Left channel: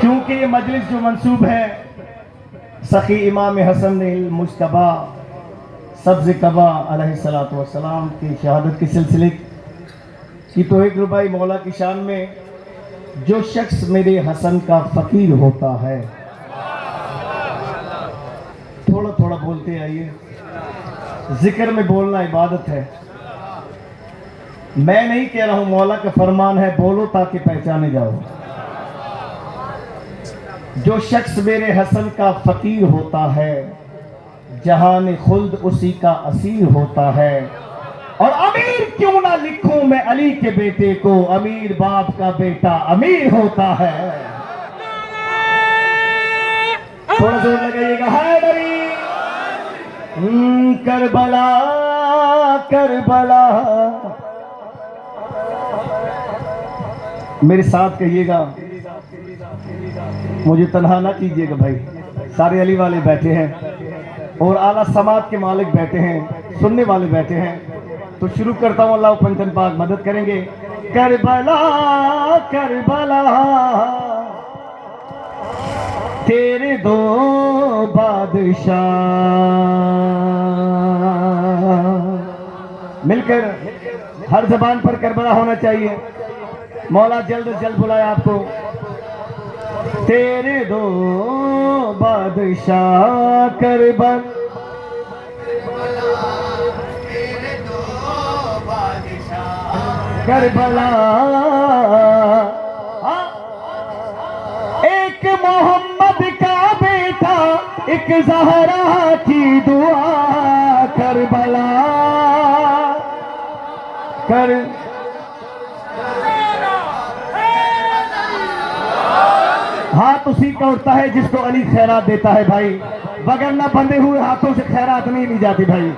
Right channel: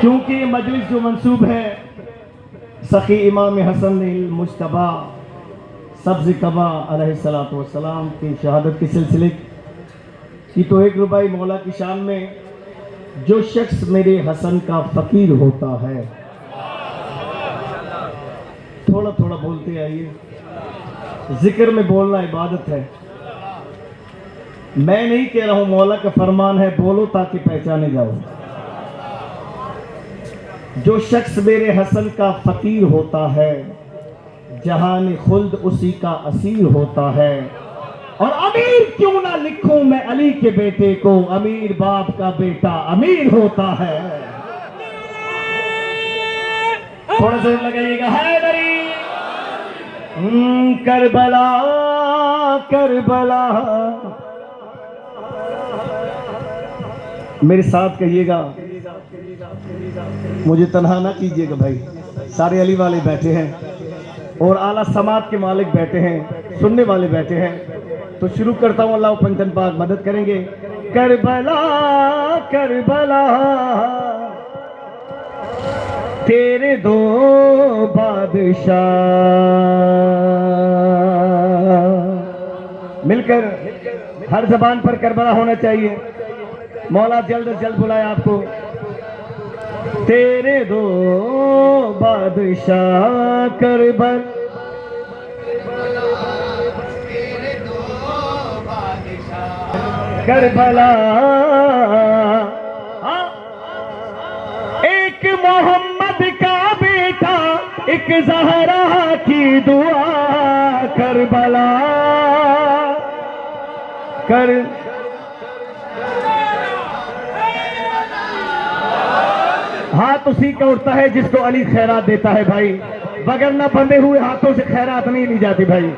क्योंकि ये मजलिस जो मंसूब है सखी इमाम हसन मुश्तबा सब्ज़ कबा अलैहिस्सलातु वस्सलाम की शहादत के सिलसिले की, तो एक रुबाई मौला की शान में, जो शख्स मेरे हसन का फ़कीर होता है। थोड़ा थोड़ा बोलते आइए, जिक्र में बोलना इबादत है। मैं नहीं कह रहा हूं, मौला का फरमान है, बोलो ताकि पहचाने जाओ। जो शख्स मेरे हसन का फकीर होता है, जहान खुल्द उसी का असीर होता है। और अमीर क्यों ना लिखूं मैं अली के बेटे को, अमीर बाप का बेटा अमीर होता है। थोड़ा जोर लगाइएगा, है बरी करबला करबला। मेरे साथ कहिएगा, मुझे तन्हा ना कीजिएगा भाई। सारे अली वाले बैठे हैं और आला समात के मालिक बैठे हैं, सुनने वाले बैठे हैं। तो शुरू करता हूं, अल्लाह पंचन पाक मदद करेंगे। करबला करबला तेरे दो बादशाह, मिलकर हर जबान पर करबला होना चाहिए। मौला जल्द से जल्द बुलाए आपको। तेरे दो बादशाह करबला, करबला। एक मोहम्मद का बेटा, एक ज़हरा की दुआ। करबला कर हाथ उसी का उठता है जिसको अली खैरात देता है भाई, बगैर न बंधे हुए हाथों से खैरात नहीं ली जाती भाई।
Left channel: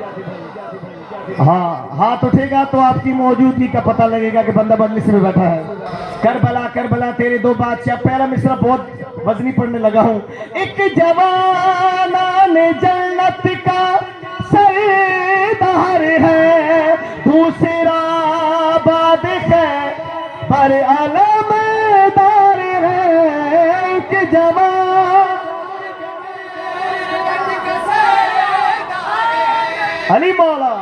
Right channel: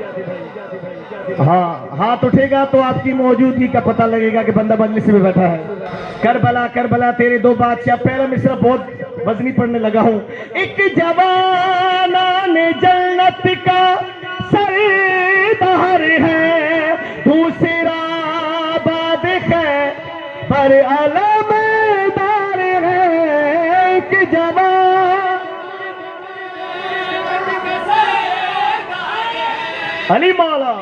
हाँ, हाथ उठेगा तो आपकी मौजूदगी का पता लगेगा कि बंदा मजलिस में बैठा है। करबला करबला तेरे दो बादशाह। पहला मिसरा बहुत वजनी पढ़ने लगा हूँ। एक जवाना ने जन्नत का सरदार है, दूसरा बाद है पर अलमदार है। कि जवान अली मौला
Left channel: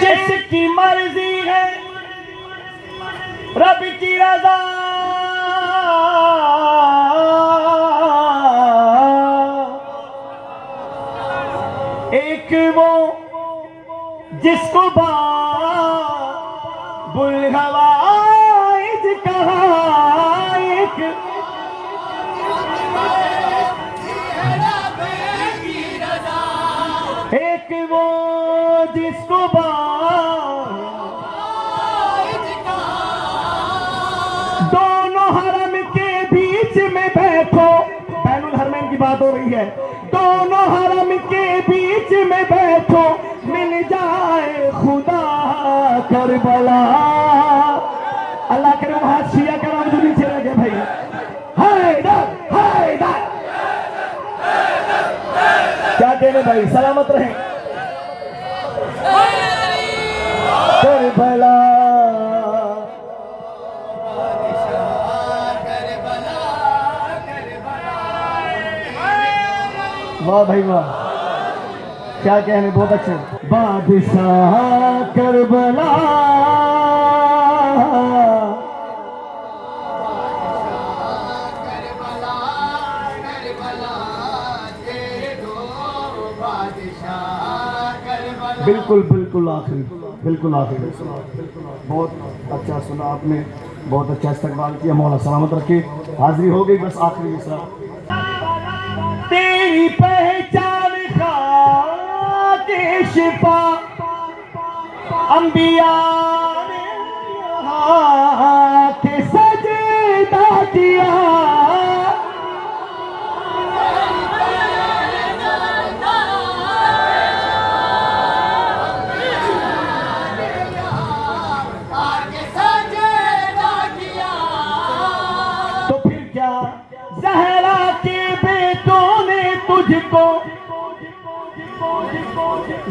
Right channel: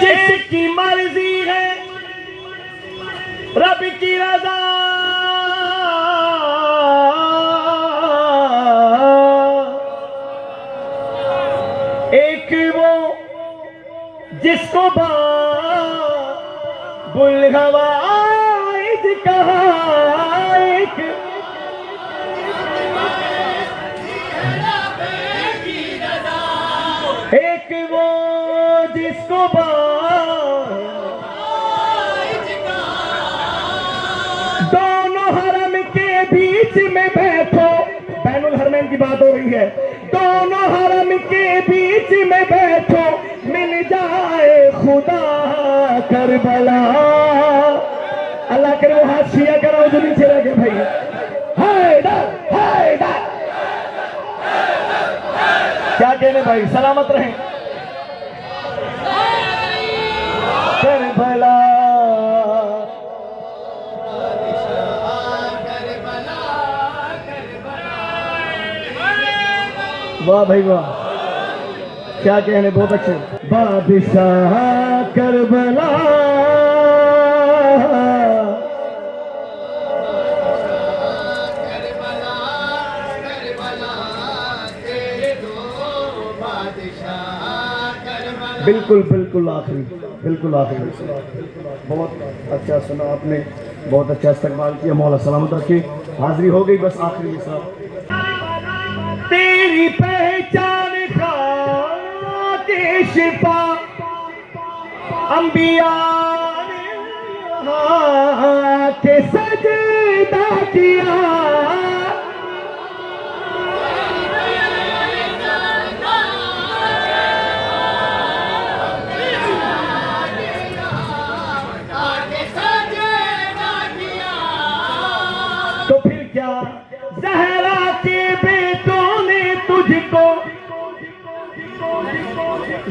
जिसकी मर्जी है रब की रजा, एक वो जिसको बुलहवाइज कहा, एक एक वो जिसको दोनों हरम के बीच में बैठो। बैनुल हरमैन की बात हो रही है। दोनों हरम के बीच में बैठो, मिल जाए खुदा। करबला अल्लाह करे वो हाथ छिया करो जो नीचे रह गए भाई। क्या कहने भाई, सलामत रहें। करबला वाह भाई वाह, क्या कहने, बहुत अच्छे। बादशाह करबला बिल्कुल बिल्कुल आखिरी, बिल्कुल आखिरी। बहुत अच्छा सुना आपने, बहुत अच्छा इस्तेमाल किया। मौला सलामत रखे। हाजिरी हो गई, बस आखिरी मिसरा। तेरी पहचान खाके शिफा अंबिया ने के सजदा किया। तो फिर क्या ज़हरा के बेटों ने तुझको,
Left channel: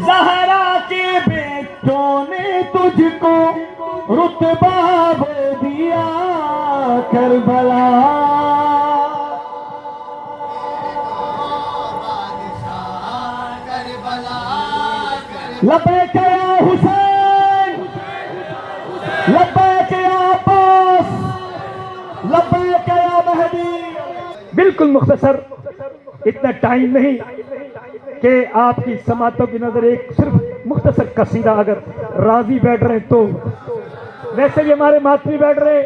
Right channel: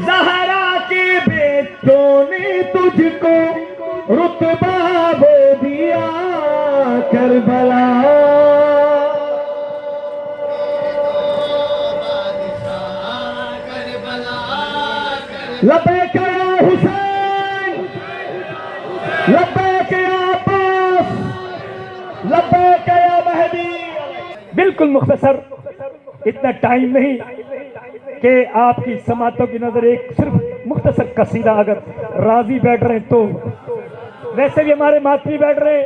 ज़हरा के बेटों ने तुझको रुतबा वो दिया करबला। लब्बैक या हुसैन, लब्बैक या अब्बास, लब्बैक या महदी। बिल्कुल मुख्तसर, इतना टाइम नहीं कि आपकी समातों की नजर एक सिर्फ मुख्तसर कसीदा अगर राजी बैठ रहे तो। वैसे भी हमारे मातमी बैठ रहे,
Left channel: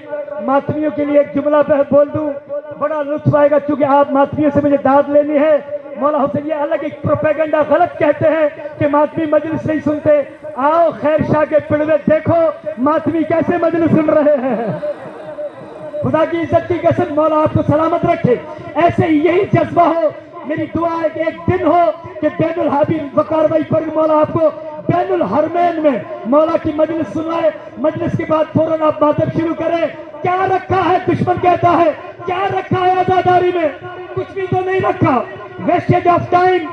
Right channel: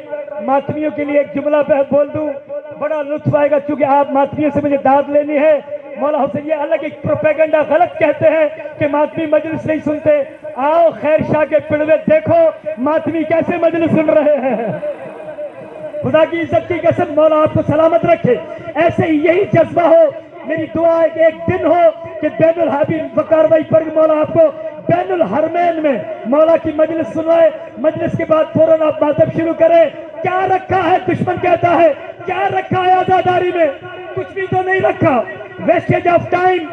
मातमियों के लिए एक जुमला बोल दूं, बड़ा लुत्फ आएगा, चूंकि आप मातमियों से मुझे दाद लेनी है। मौला हुसैन ये अलग एक प्रोपेगेंडा गलत कहते हैं कि मातमी मजलिस नहीं सुनते। आओ खैर शाह के पिड़वे देखो मातमी कैसे मजलिस सुन रहे हैं। खुदा की इज्जत की कसम, मौला आपको सलामत रखे। ऐसे ही यही जज्बा हो, मेरी दुआ है कि एक दिन हो कि बैनुल हाबीब वकार भाई पर मौला आपको बैनुल हरमैन में मौला की मजलिस सुनाए। मजलिस के बाद फौरन आप मातब शुरू करें। क्या रखा है दुश्मन कहता है, क्या रखा है आजादारी में? कुछ भी तो नहीं रखा। वेस्टेज ऑफ टाइम,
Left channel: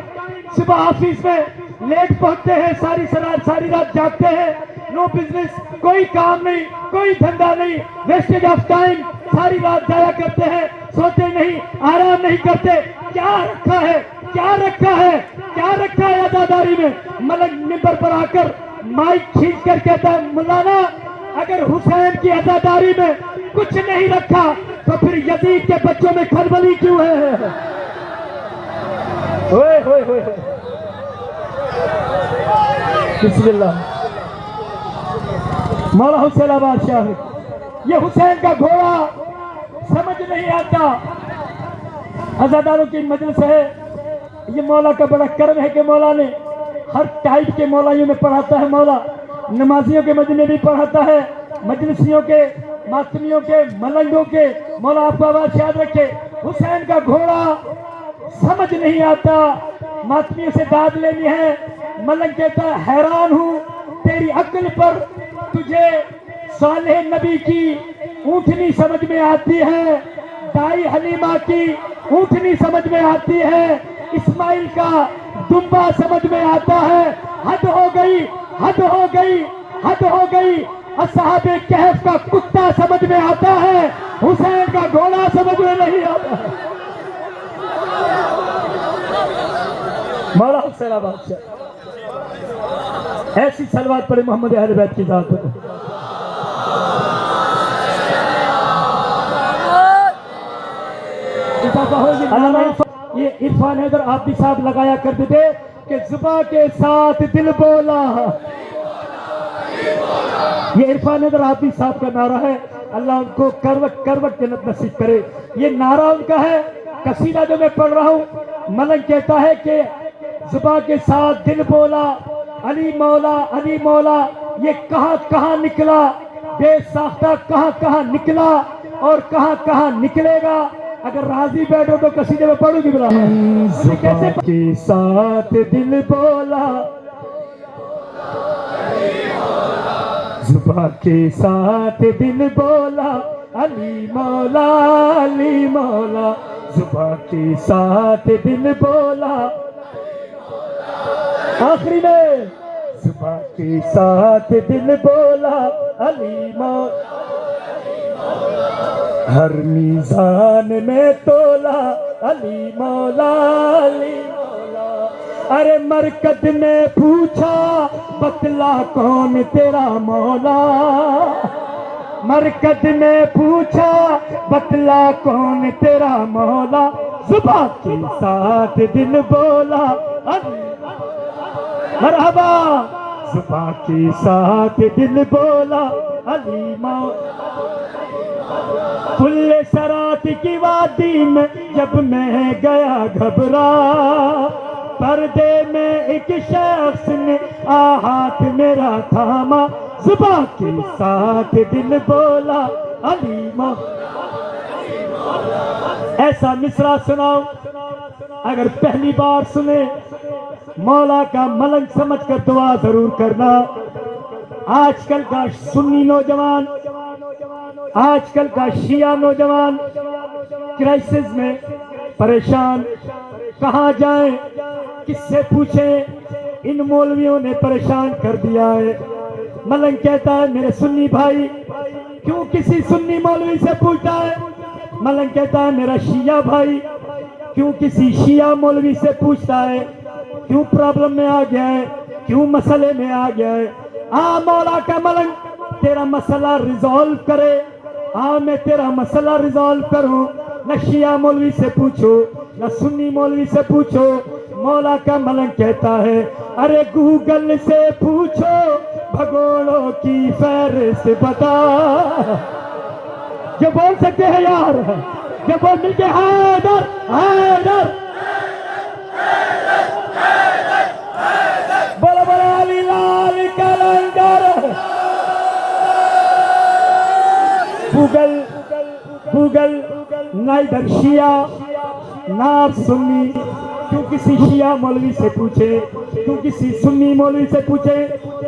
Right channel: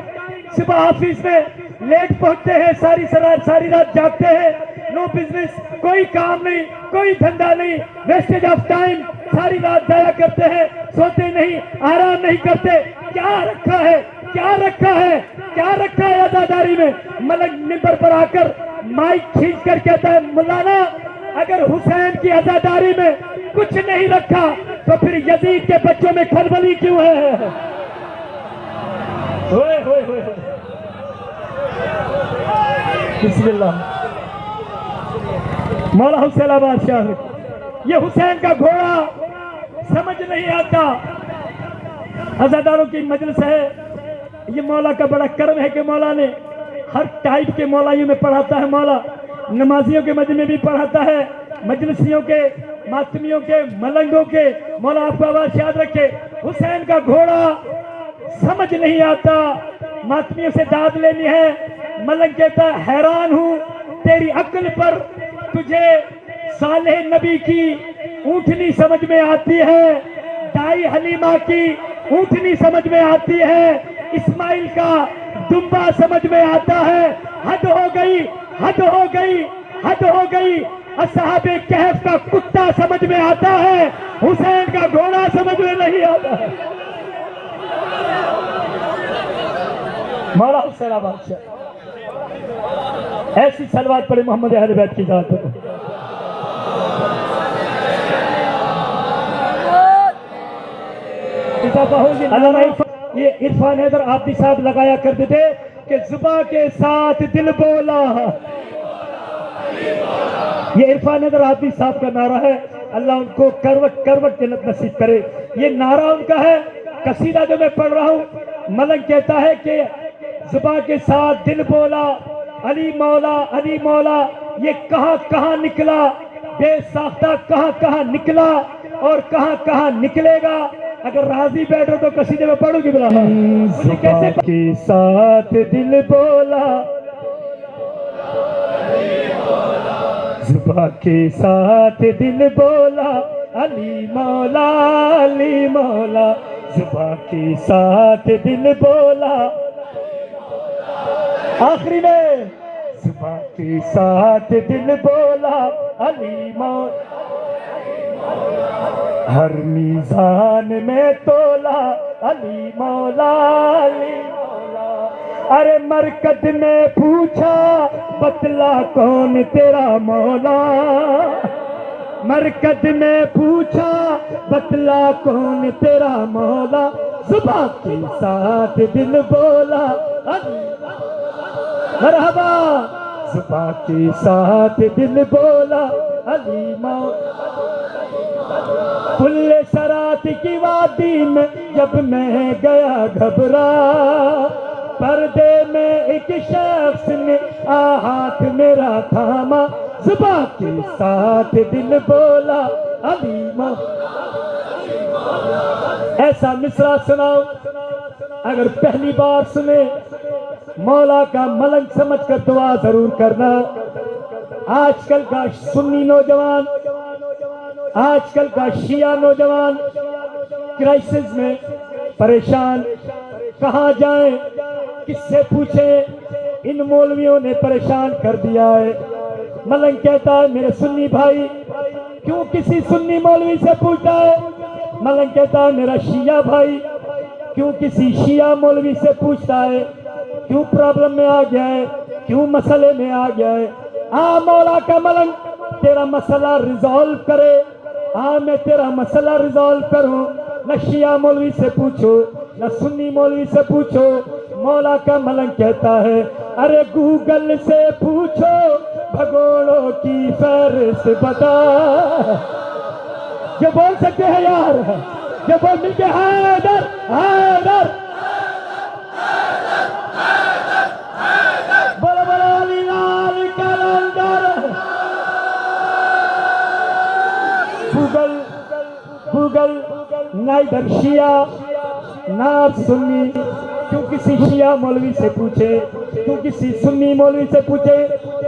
सुबह ऑफिस में लेट पहुंचते हैं, सारी रात जागते हैं, नो बिजनेस, कोई काम नहीं, कोई धंधा नहीं, वेस्टेज ऑफ टाइम, सारी रात जाया करते हैं, सोते नहीं, आराम नहीं करते। क्या रखा है, क्या रखा है, क्या रखा है आजादारी में? मलक मिंबर पर आकर माइक खींच कर कहता है, मौलाना अगर हुसैन की आजादारी में कुछ नहीं रखा तो फिर यजीद के बच्चों में खलबली क्यों है? होए होए होए, बिस्मिल्लाह। मौला हुसैन बादशाह, ये हुसैन का घोड़ा समझ नहीं आता। अज़ादारों की मजलिस है, ये मौला का बड़ा कर्म है कि मौला ने हर टाइप के मौलाइयों में पढ़ाता है। मौला नमाजियों के मजमे में भी पढ़ाता है, मजलिसियों के, मातमियों के, मलंगों के। मौला आपको आवाज याद रखे। हुसैन का घोड़ा समझ नहीं आता, मातमियों से दाद लेनी है। मलंग कहता है, हैरान हूं तेरी अक्ल पर, तुझे सालेह नबी की ऊँटनी समझ में आती है, दाई हलीमा की ऊँटनी समझ में आती है, इस्माइल का दुम्बा समझ में आता है। हद हो गई, हद हो गई, हद हो गई। असहाबे कहफ का कुत्ता समझ में आता है, हुसैन का घोड़ा समझ में नहीं आता है। मौला हुसैन बादशाह, ऐसी सलवात पड़े मोहम्मद अहले बैत की जात को। ये इरफान हैदर आबदी साहब लगाया करते थे कि जुबा के साथ दिल बोला। ये इरफान हैदर आबदी साहब का नारा है। अल्लाह उनको करवट करवट जन्नत नसीब करे। ये नारा उनका है। कसीदा जो मैं पढ़ रहा हूँ, मलंग कहता है कि जुबा के साथ दिल बोला, अली मौला, अली मौला। ये कहाँ कहाँ निकला, बेसाख्ता कहाँ कहाँ निकला और कहाँ कहाँ निकलेगा। अगर राजी बैठो तो कसीदे में पढ़ोगी बुला। कैसे के साथ दिल बोला, जुबा के साथ दिल बोला, अली मौला, अली मौला। जुबा के साथ दिल बोला, आखिरी में जुबा के साथ दिल बोला, अली मौला। हर मीज़ान में तोला, अली मौला, अली मौला। अरे मरकत ने पूछा, बतला कौन तेरा मौला। मरकत ने पूछा, बतला कौन तेरा मौला। जुबा के साथ दिल बोला, मरहबा। जुबा के साथ दिल बोला, अली मौला। खुले सरात की वादी में जब मैं गया घबरा, पर्दे में एक शख्स ने आ हाथ मेरा थामा। जुबा के साथ दिल बोला, अली मौला। ऐसा मिसरा सुनाओ अगर पहली बार सुने, मौला का मलंग समझ कर दुआ जरूर करना। आजकल का सुन्नी नौजवान, आजकल का शिया नौजवान क्राइसिस में परेशान, कहां जाएं, किससे पूछें? इन मौलवियों ने परेशान कर दिया है। मलंग कहता है मेरे सुन्नी भाई क्यों किसी सुन्नी मौलवी से पूछता है। मलंग कहता है मेरा शिया भाई क्यों किसी शिया मौलवी से पूछता है। क्यों प्रॉब्लम में आ गया है, क्यों मसले में आ गया है। आ मौला का मलंग तेरा मसला रिजॉल्व करे। मैं तेरा मसला रिजॉल्व करूं। न शिया मौलवी से पूछो न सुन्नी मौलवी से पूछो। मौला का मलंग कहता है अरे गूगल से पूछो भगोड़ों की फहरिस्त बता। जो बोल सकते हैं यार, जो बोल मिलते हैदर हैदर बोला बोला अली लाल कलंदर। गूगल गूगल ना इधर शिया ना सुन्नी। क्यों किसी शिया मौलवी से पूछे, क्यों किसी सुन्नी मौलवी से पूछे।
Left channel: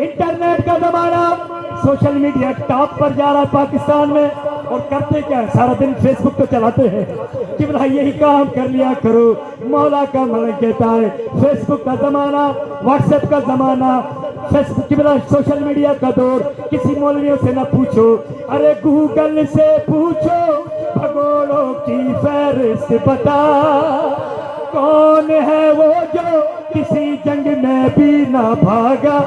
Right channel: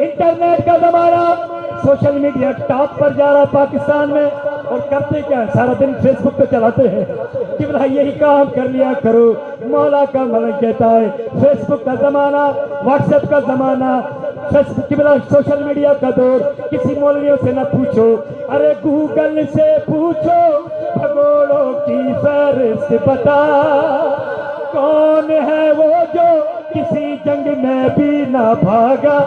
इंटरनेट का जमाना, सोशल मीडिया टॉप पर जा रहा है पाकिस्तान में। और करते क्या, सारा दिन फेसबुक पे चलाते हैं कि भाई यही काम कर लिया करो। मौला का मलंग कहता है फेसबुक का जमाना, व्हाट्सएप का जमाना, फेसबुक की बजाय सोशल मीडिया का दौर, किसी मौलवियों से न पूछो। अरे गूगल से पूछो भगोड़ों की फहरिस्त बता। कौन है वो जो किसी जंग में भी ना भागा।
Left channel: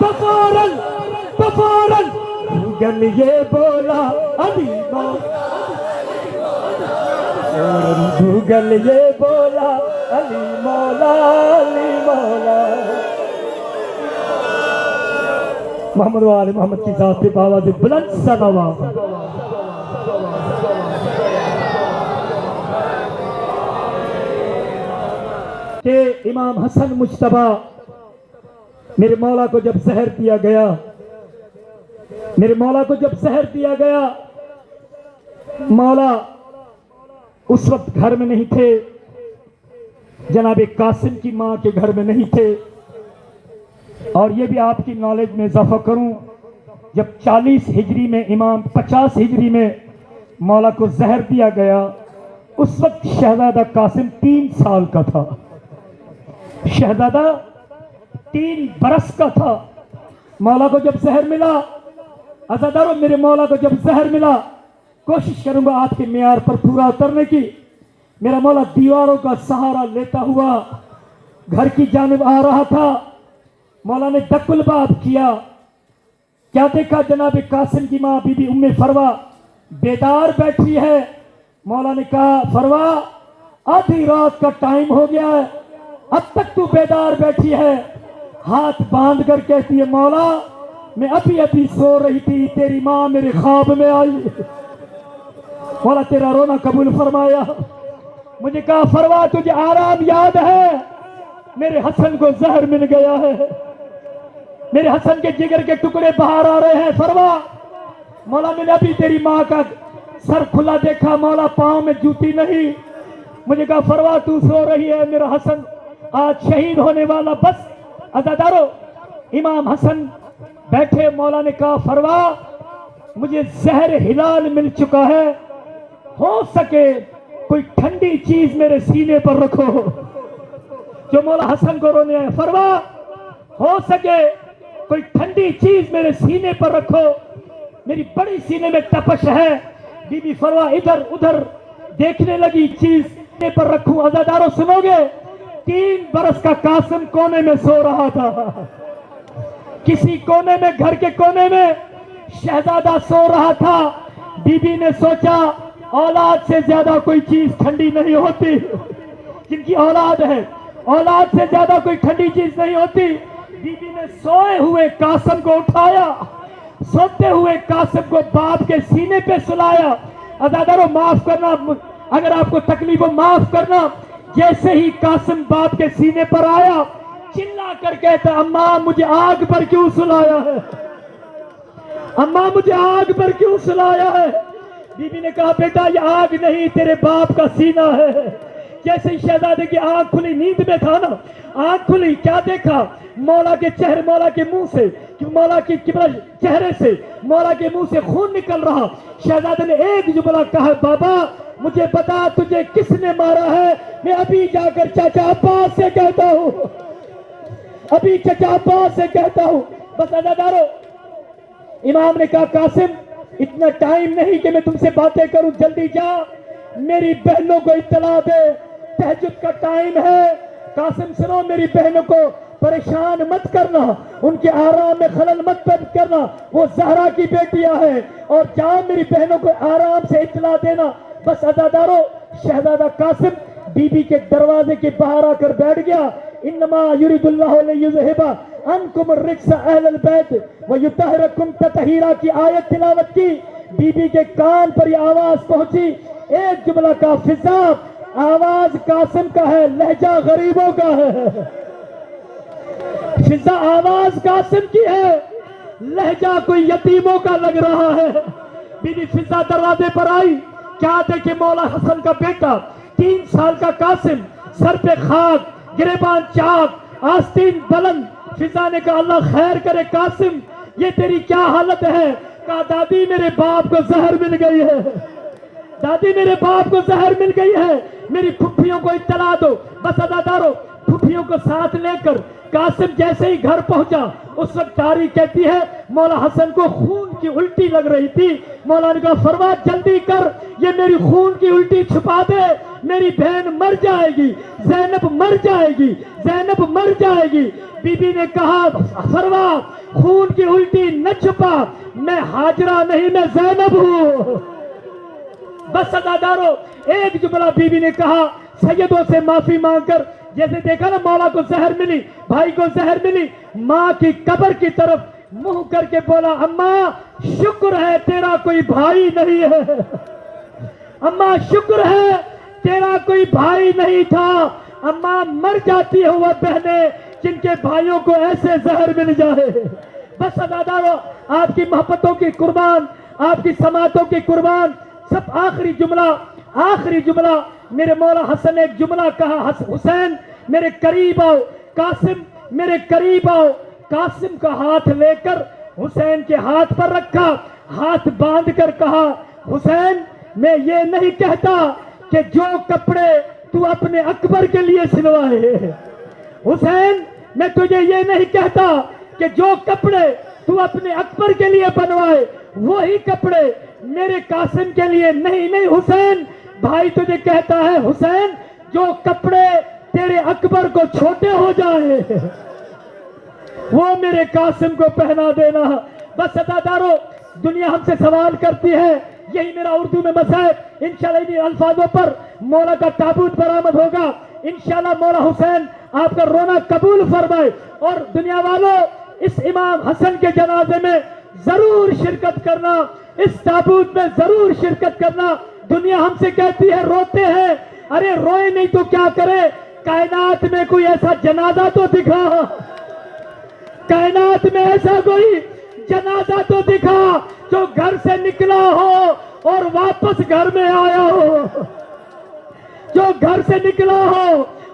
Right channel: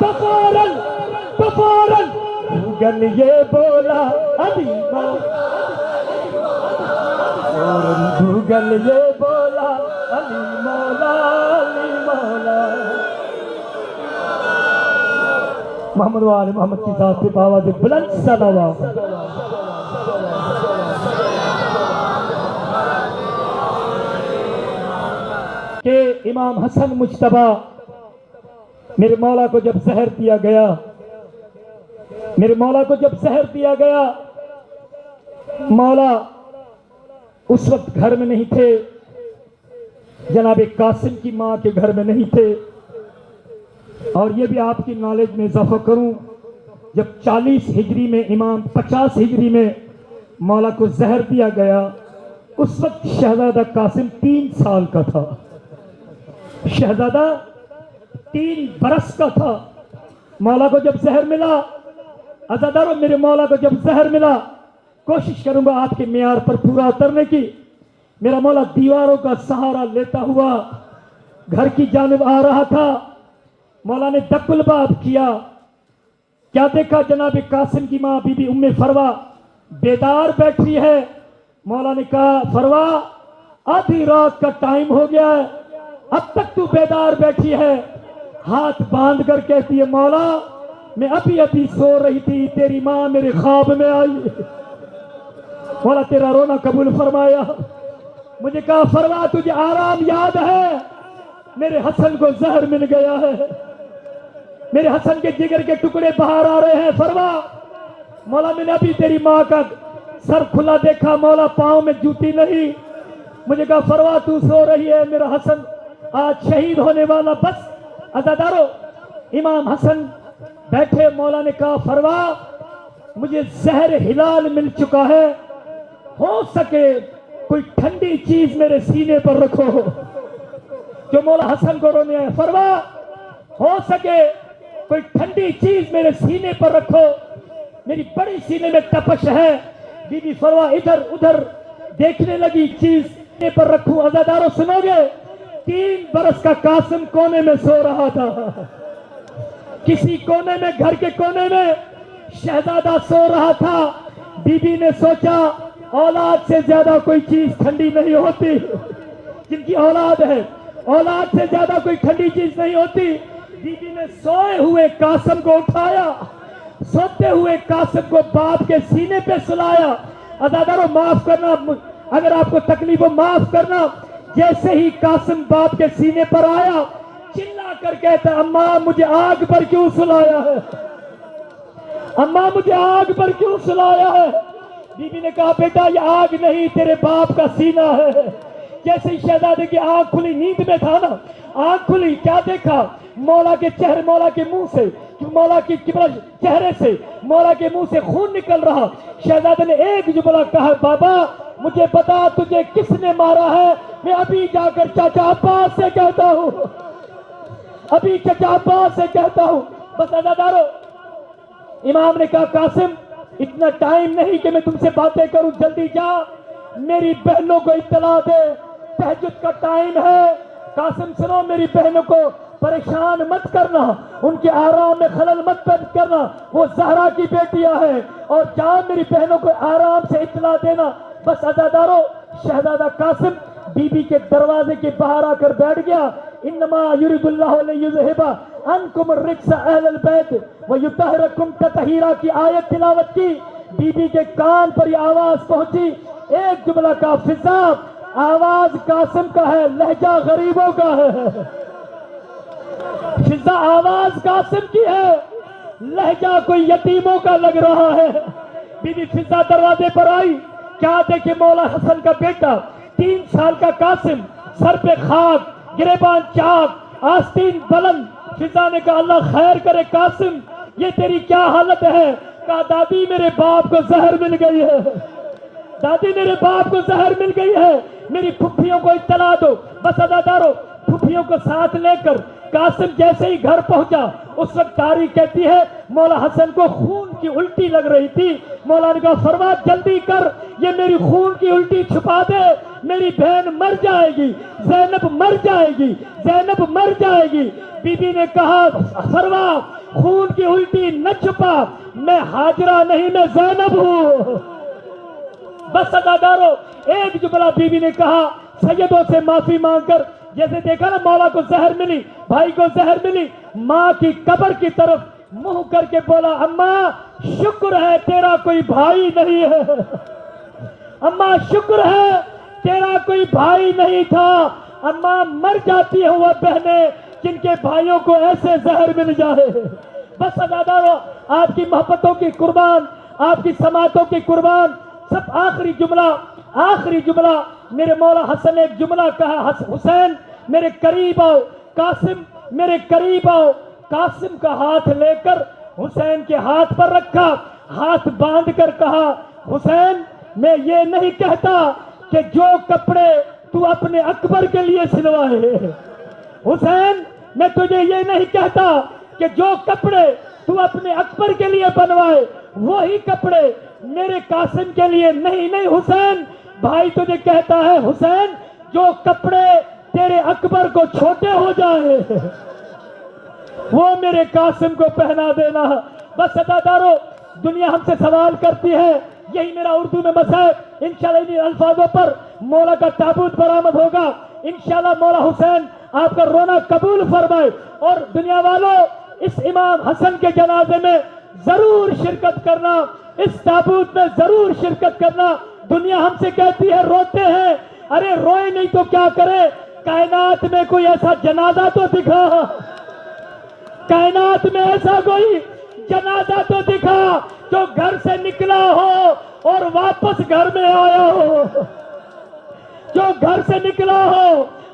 तो फौरन गूगल ये बोला अली मौला। फौरन गूगल ये बोला अली मौला अली मौला। मोहम्मद वाले मोहम्मद की जात पे आवाज बुलंद सलावा। कि इमाम हसन मुज्तबा मेरे मौला को जब जहर दिया गया, मेरे मौला को जब जहर दिया गया, मौला उस वक्त घर में नहीं थे, जनाबे कासिम की मां के घर में नहीं थे। और ये भी आपकी नॉलेज में इजाफा करूं, जब 40 हिजरी में इमाम 50 हिजरी में मौला को जहर दिया गया, उस वक्त शहजादा कासिम 3 साल का था। शहजादा 3 बरस का था। मौला को जब जहर मिला, अज़ादारों मेरे मौला को जब जहर मिला, कोशिश करूंगा आज के मियार पर पूरा उतरने की। मेरा मौला दीवारों का सहारा लेता हुआ घर की जानिब आ रहा था। मौला ने दकुल बात किया, क्या देखा जनाब कासिम की मां बीबी उम्मे फरवा बेदार बैठी है। मौला ने कहा फरवा आधी रात का टाइम हो गया है, अब तक तू बेदार बैठी है। हाथ बांध कर कहती है मौला मैं अभी अभी सो रही थी, तेरी मां मेरे ख्वाब में आई। मौला तेरा रोना कबूल फरमाया। मुझे कहा फरवा तुझे आराम याद है, मेरे हसन को जहर मिल गया है, मेरे हसन के जिगर के टुकड़े बाहर आ रहे हैं। फरवा मौला मैंने अभी तेरी मां का सर खुला देखा, मौला पांव में जूती नहीं। मुझे कहा फरवा तू सो रही है, मेरा हसन आज शहीद होने वाला। बस अज़ादारो इमाम हसन बैठे। मौला ने कहा फरवा मुझे जहर हिलाल मिल चुका है, हो सके कोई ठंडी चीज मेरे सीने पर रखो। जो मौला हसन को रोने आए, फरवा हो सके कोई ठंडी चीज मेरे सीने पर रखो, मेरी बड़ी सीने में तपश है। बीबी फरवा इधर उधर देखने लगी, चीज सीने पर रखूं। अज़ादारों सुनोगे, 3 बरस का कासिम कोने में सो रहा था। किसी कोने में, घर के कोने में शहजादा सो रहा था। बीबी ने सोचा औलाद से ज्यादा कोई चीज ठंडी नहीं होती। जिनकी औलाद है, औलाद से ज्यादा कोई ठंडी चीज नहीं होती। बीबी ने सोए हुए कासिम को उठाया, सोते हुए कासिम को बाप के सीने पे सुलाया। अज़ादारों माफ करना, अगर आपको तकलीफ हो माफ करना। जैसे ही कासिम बाप के सीने पर आया, चिल्ला कर कहता अम्मा मुझे आग पर क्यों सुलाया है, अम्मा मुझे आग पर क्यों सुलाया है। बीबी ने कहा बेटा ये आग नहीं, तेरे बाप का सीना है। जैसे ही शहजादे की आंख खुली, नींद में था ना, आंख खुली, क्या देखा, मौला के चेहरे, मौला के मुंह से, मौला के चेहरे से, मौला के मुंह से खून निकल रहा। शहजादे ने एक जुमला कहा, बाबा मुझे बता तुझे किसने मारा है, मैं अभी जाकर चाचा अब्बास से कहता हूँ, अभी चाचा अब्बास से कहता हूँ। बस अज़ादारों इमाम ने कहा कासिम इतना टाइम नहीं कि मैं तुमसे बातें करूं, जल्दी जा मेरी बहनों को इत्तला दे, तहज्जुद का टाइम है। कासिम सुनो, मेरी बहनों को परेशान मत करना, उनके आराम में खलल मत करना, वो ज़हरा की बेटियां हैं, और जा मेरी बहनों को आराम से इत्तला देना। बस अज़ादारों, शहजादा कासिम बीबी के दरवाजे के बाहर आकर बैठ गया। इन्नमा युरिदुल्लाहु लियुज़हिबा अनकुम रिज्स अहलल बैत व युतहिरकुम ततहीरा की आयत तिलावत की। बीबी के कान पर यह आवाज पहुंची, एक जुमला का फिजा, आवाज कासिम का है, लहजा गरीबों का है। फिजा आवाज कासिम की है, लहजा कोई यतीमों का लग रहा है। बीबी फिजा दरवाजे पर आई, क्या देखे मौला हसन का बेटा 3 साल का कासिम, सर पे खाक, गिरेबान चाक, आस्तीन बुलंद। फिजा ने कहा अल्लाह खैर करे कासिम, ये तेरी क्या हालत है? कहा दादी मेरे बाप को जहर मिल गई है, दादी मेरे बाप को जहर मिल गई है, मेरी फुफ्फियों को इत्तला दो। बस अदादारों, फुफ्फियों को साथ लेकर कासिम जैसे ही घर पहुंचा, उस वक्त तारीख कहती है मौला हसन को खून की उल्टी लग रही थी। मौला ने कहा फरमा जल्दी कर, ये मेरी खून की उल्टी छुपा दे, मेरी बहन मर जाएगी, जैनब मर जाएगी, जैनब मर जाएगी। बीबी ने कहा फरमा खून की उल्टी न छुपा, मैं हाजरा नहीं मैं जैनब हूं। बस अदादारों, एक जुमला बीबी ने कहा, सैयदों से माफी मांगकर, जैसे देखा ना मौला को जहर मिली, भाई को जहर मिली, माँ की कब्र की तरफ मुंह करके बोला अम्मा शुक्र है तेरा कोई भाई नहीं है, अम्मा शुक्र है तेरा कोई भाई नहीं था। अम्मा मर जाती है वह बहनें जिनके भाइयों को ऐसे जहर मिल जाए। बस अदादारों, आपकी मोहब्बतों की कुर्बान, आपकी समातों की कुर्बान। सब आखिरी जुमला मेरे मौला हसन ने एक जुमला कहा, हुसैन मेरे करीब आओ, कासिम मेरे करीब आओ। कासिम का हाथ लेकर हुसैन के हाथ पर रखा, हाथ बांधकर कहा हुसैन मैं ये नहीं कहता कि जो कपड़े तू अपने अकबर के लिए सिलवाए, हुसैन मैं तुझे ये नहीं कहता कि जो कपड़े तू अपने अकबर के लिए बनवाए वही कपड़े मेरे कासिम के लिए नहीं। नहीं हुसैन, भाई तुझे कहता है हुसैन, जो कपड़े तेरे अकबर को छोटे हो जाए वो मेरे कासिम को पहना देना। बस अदादारों, दुनिया हमसे सवाल करती है, यही मेरा उर्दू में मसहब, इंशाल्लाह इन अल्फाजों पर मौला का ताबूत बरामद होगा। इंशाल्लाह मौला हुसैन आपका रोना कबूल फरमाए। और दुनिया वालों, इस इमाम हसन के जनाजे में जरूर शिरकत करना, इस ताबूत में जरूर शिरकत करना। दुनिया हमसे कहती है रोते हैं, अरे रोए नहीं तो क्या करे, कायनात में कोई ऐसा जनाजा तो दिखा, कायनात में ऐसा कोई जनाजा तो दिखा जो घर से निकला हो और वापस घर में आया हो, जो घर से निकला हो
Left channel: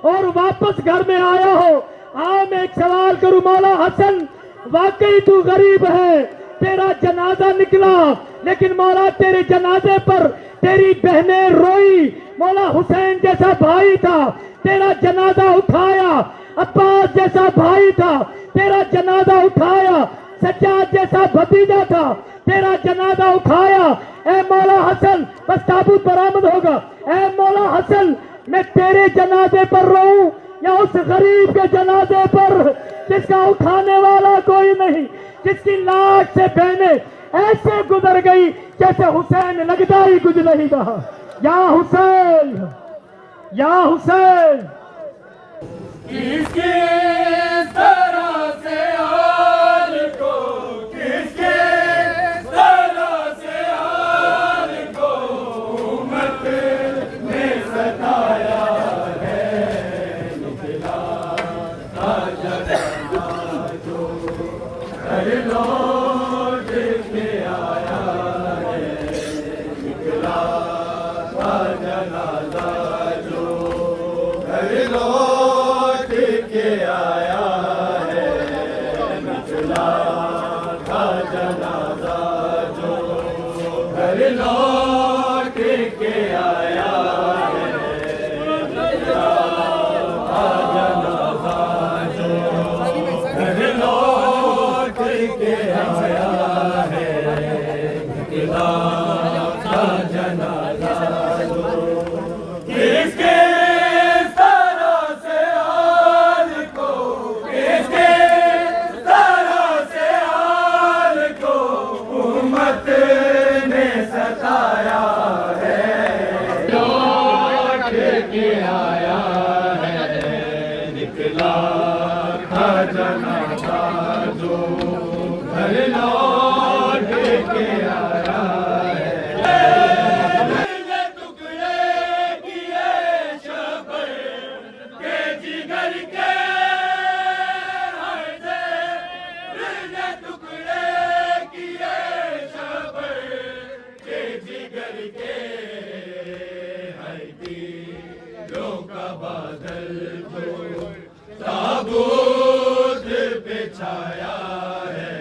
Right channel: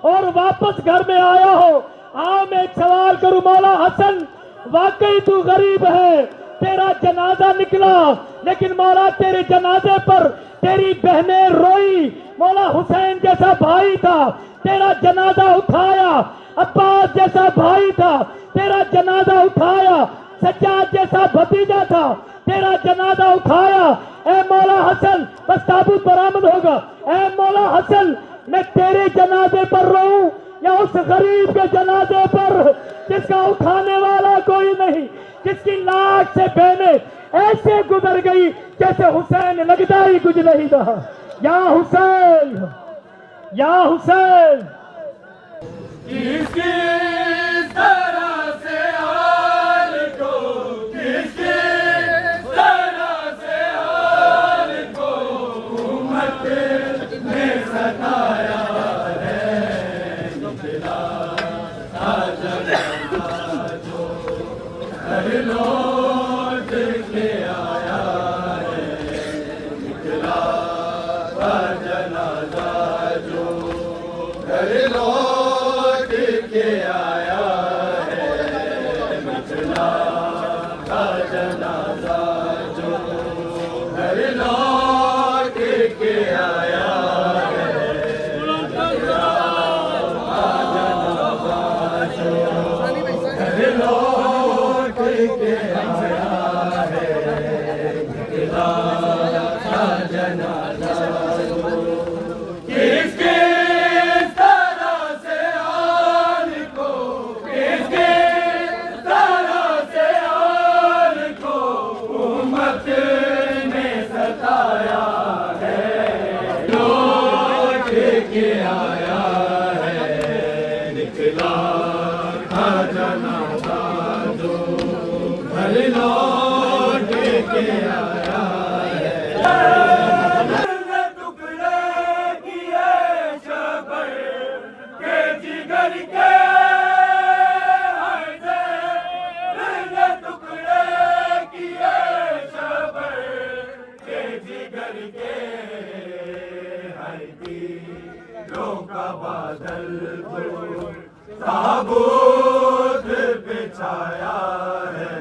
और वापस घर में आया हो। आओ मैं एक सवाल करूं, मौला हसन वाकई तू गरीब है, तेरा जनाजा निकला, लेकिन मौला तेरे जनाजे पर तेरी बहनें रोई। मौला हुसैन जैसा भाई था, तेरा जनाजा उठाया, अब्बास जैसा भाई था, तेरा जनाजा उठाया, सज्जाद जैसा भतीजा था, तेरा जनाजा उठाया। ए मौला हसन, बस ताबूत बरामद होगा। ए मौला हसन, मैं तेरे जनाजे पर रोऊं या उस गरीब के जनाजे पर जिसका उठाने वाला कोई नहीं, जिसकी लाश से बहनें ऐसे गुजर गई जैसे हुसैन लगता ही कुछ नहीं था। या हुसैन, या हुसैन। किसकी तरह से हाल को, किसकी तरह से हाल को उम्मत ने सताया है। निकला था जनाजा जो घर लौट के आया है, निकला था जनाजा जो घर लौट के आया है, निकला था जनाजा जो घर लौट के आया है, निकला था जनाजा जो घर लौट के आया है। निकला था जनाजा जो घर लौट के आया है। टुकड़े किए शबर के जिगर के, टुकड़े किए शबर के जिगर के, हर दिलों का बादल ताबूत पे छाया है।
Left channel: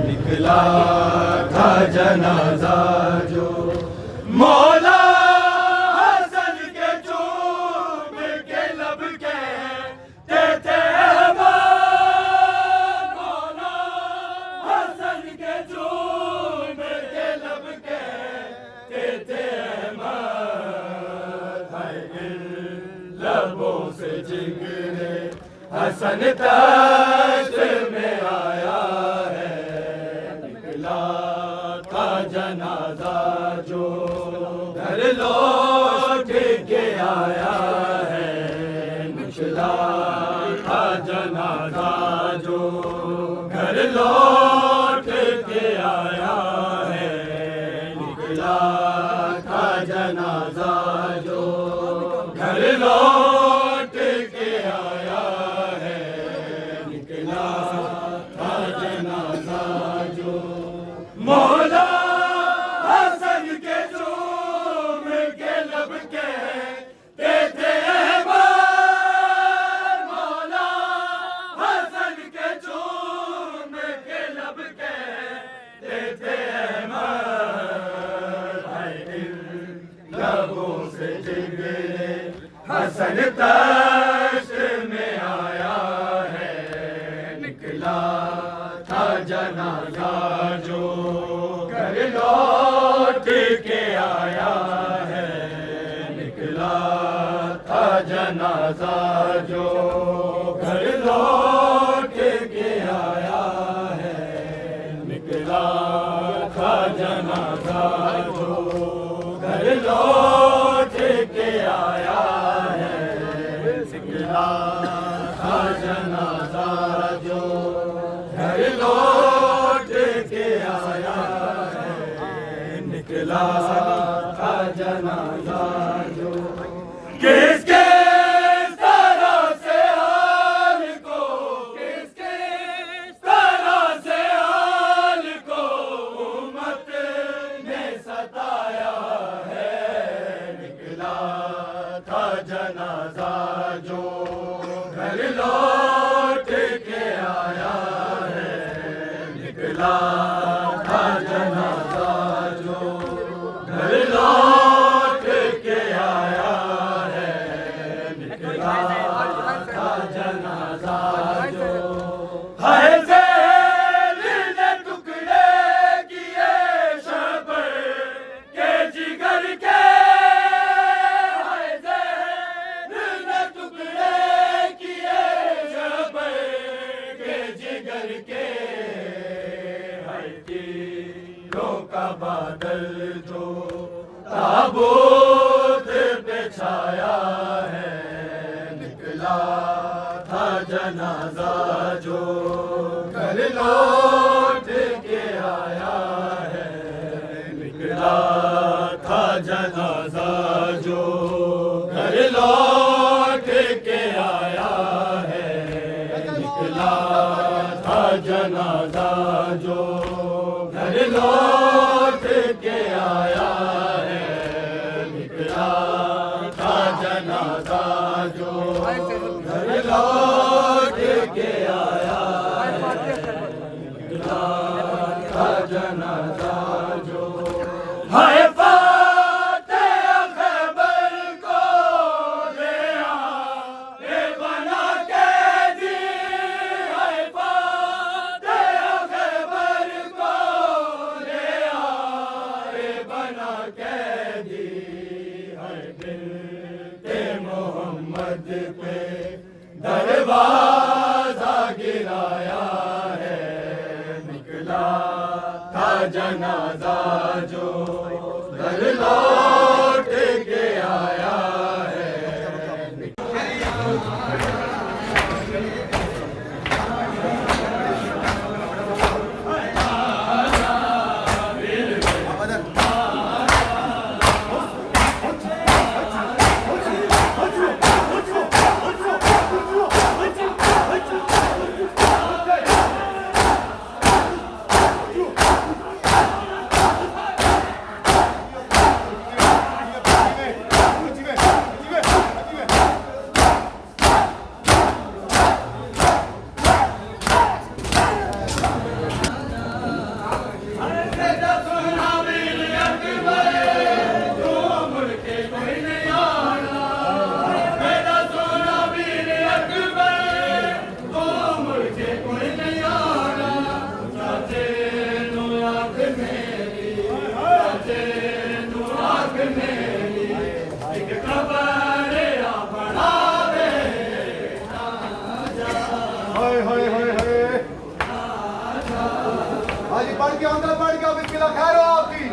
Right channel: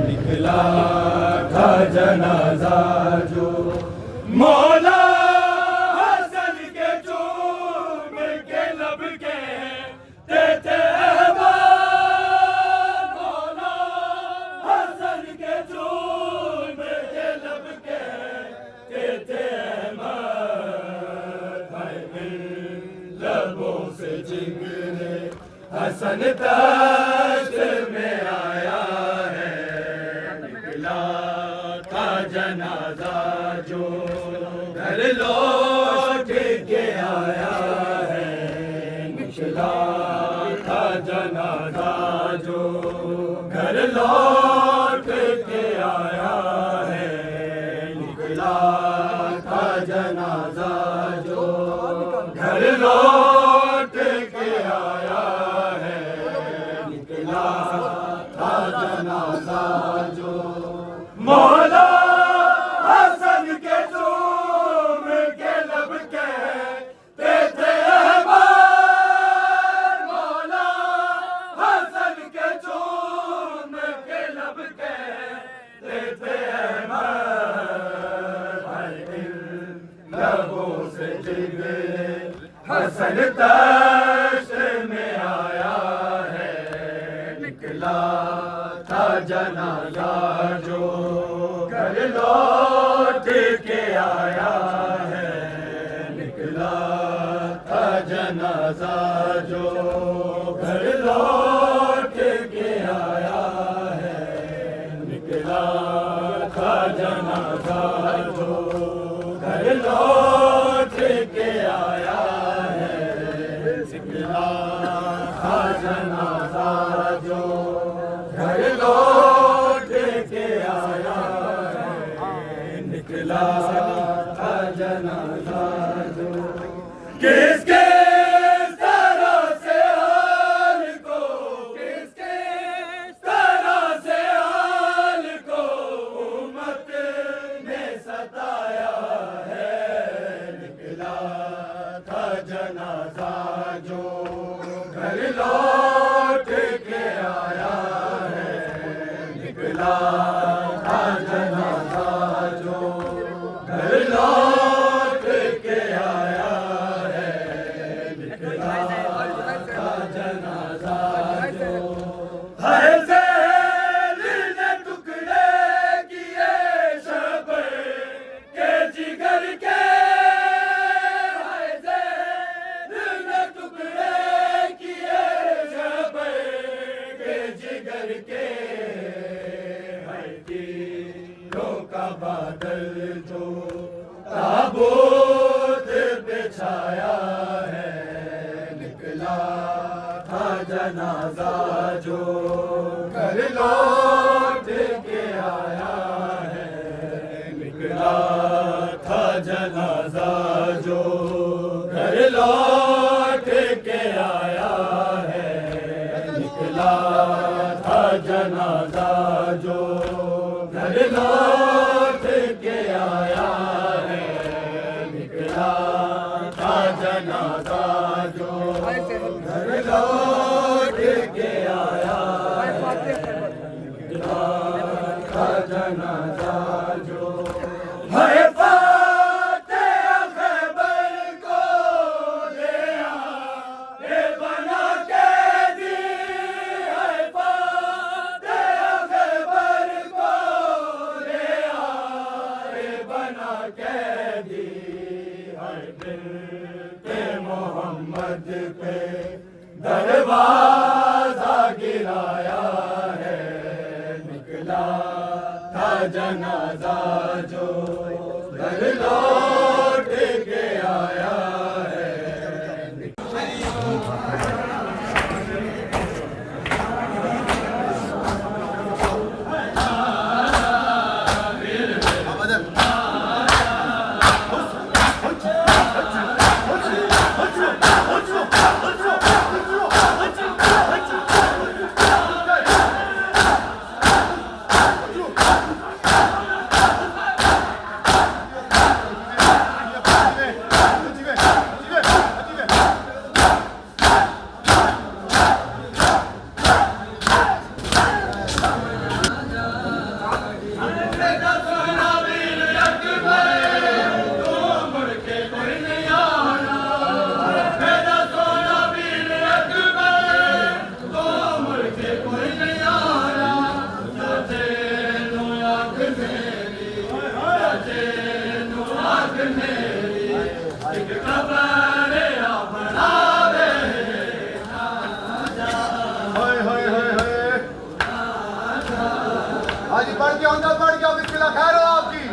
निकला था जनाजा जो मौला हसन के चूम के लब के देते मौला हसन के चूम के लब के देते लबों से जिगरे हसन तश्त में आया है। निकला था जनाजा जो घर लौट के आया है। निकला था जनाजा जो घर लौट के आया है। निकला था जनाजा जो घर लौट के आया है। निकला था जनाजा जो मौला हसन के चूम के लब के देते मौला हसन के चूम के लब के देते लबों से जिगरे हसन तश्त में आया है। निकला था जनाजा जो घर लौट के आया है। निकला था जनाजा जो घर लौट के आया है। निकला था जनाजा जो घर लौट के आया है। निकला था जनाजा जो घर लौट के आया है। निकला था जनाजा जो किसके तरह से हाल को, किसके तरह से हाल को उम्मत ने सताया है। निकला था जनाजा जो घर लौट के आया है। निकला था जनाजा जो घर लौट के आया है। निकला था जनाजा जो है ज़ेल ने टुकड़े किए शबर के जिगर के, के का बादल जो ताबूत पे छाया है। निकला था जनाजा जो घर लौट के आया है। निकला था जनाजा जो घर लौट के आया है। निकला था जनाजा जो घर लौट के आया है। निकला था जनाजा जो घर लौट के आया है। निकला था जनाजा जो है कैदी हर दिल के मोहम्मद पे दरवाजा गिराया है, निकला था जनाजा जो घर लौट के आया है। हाजी पढ़ के अंदर पढ़ के बिस्मिल्लाह खैर हो आपकी,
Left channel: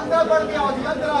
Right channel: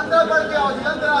अंदर पढ़ के आओ जी अंदर।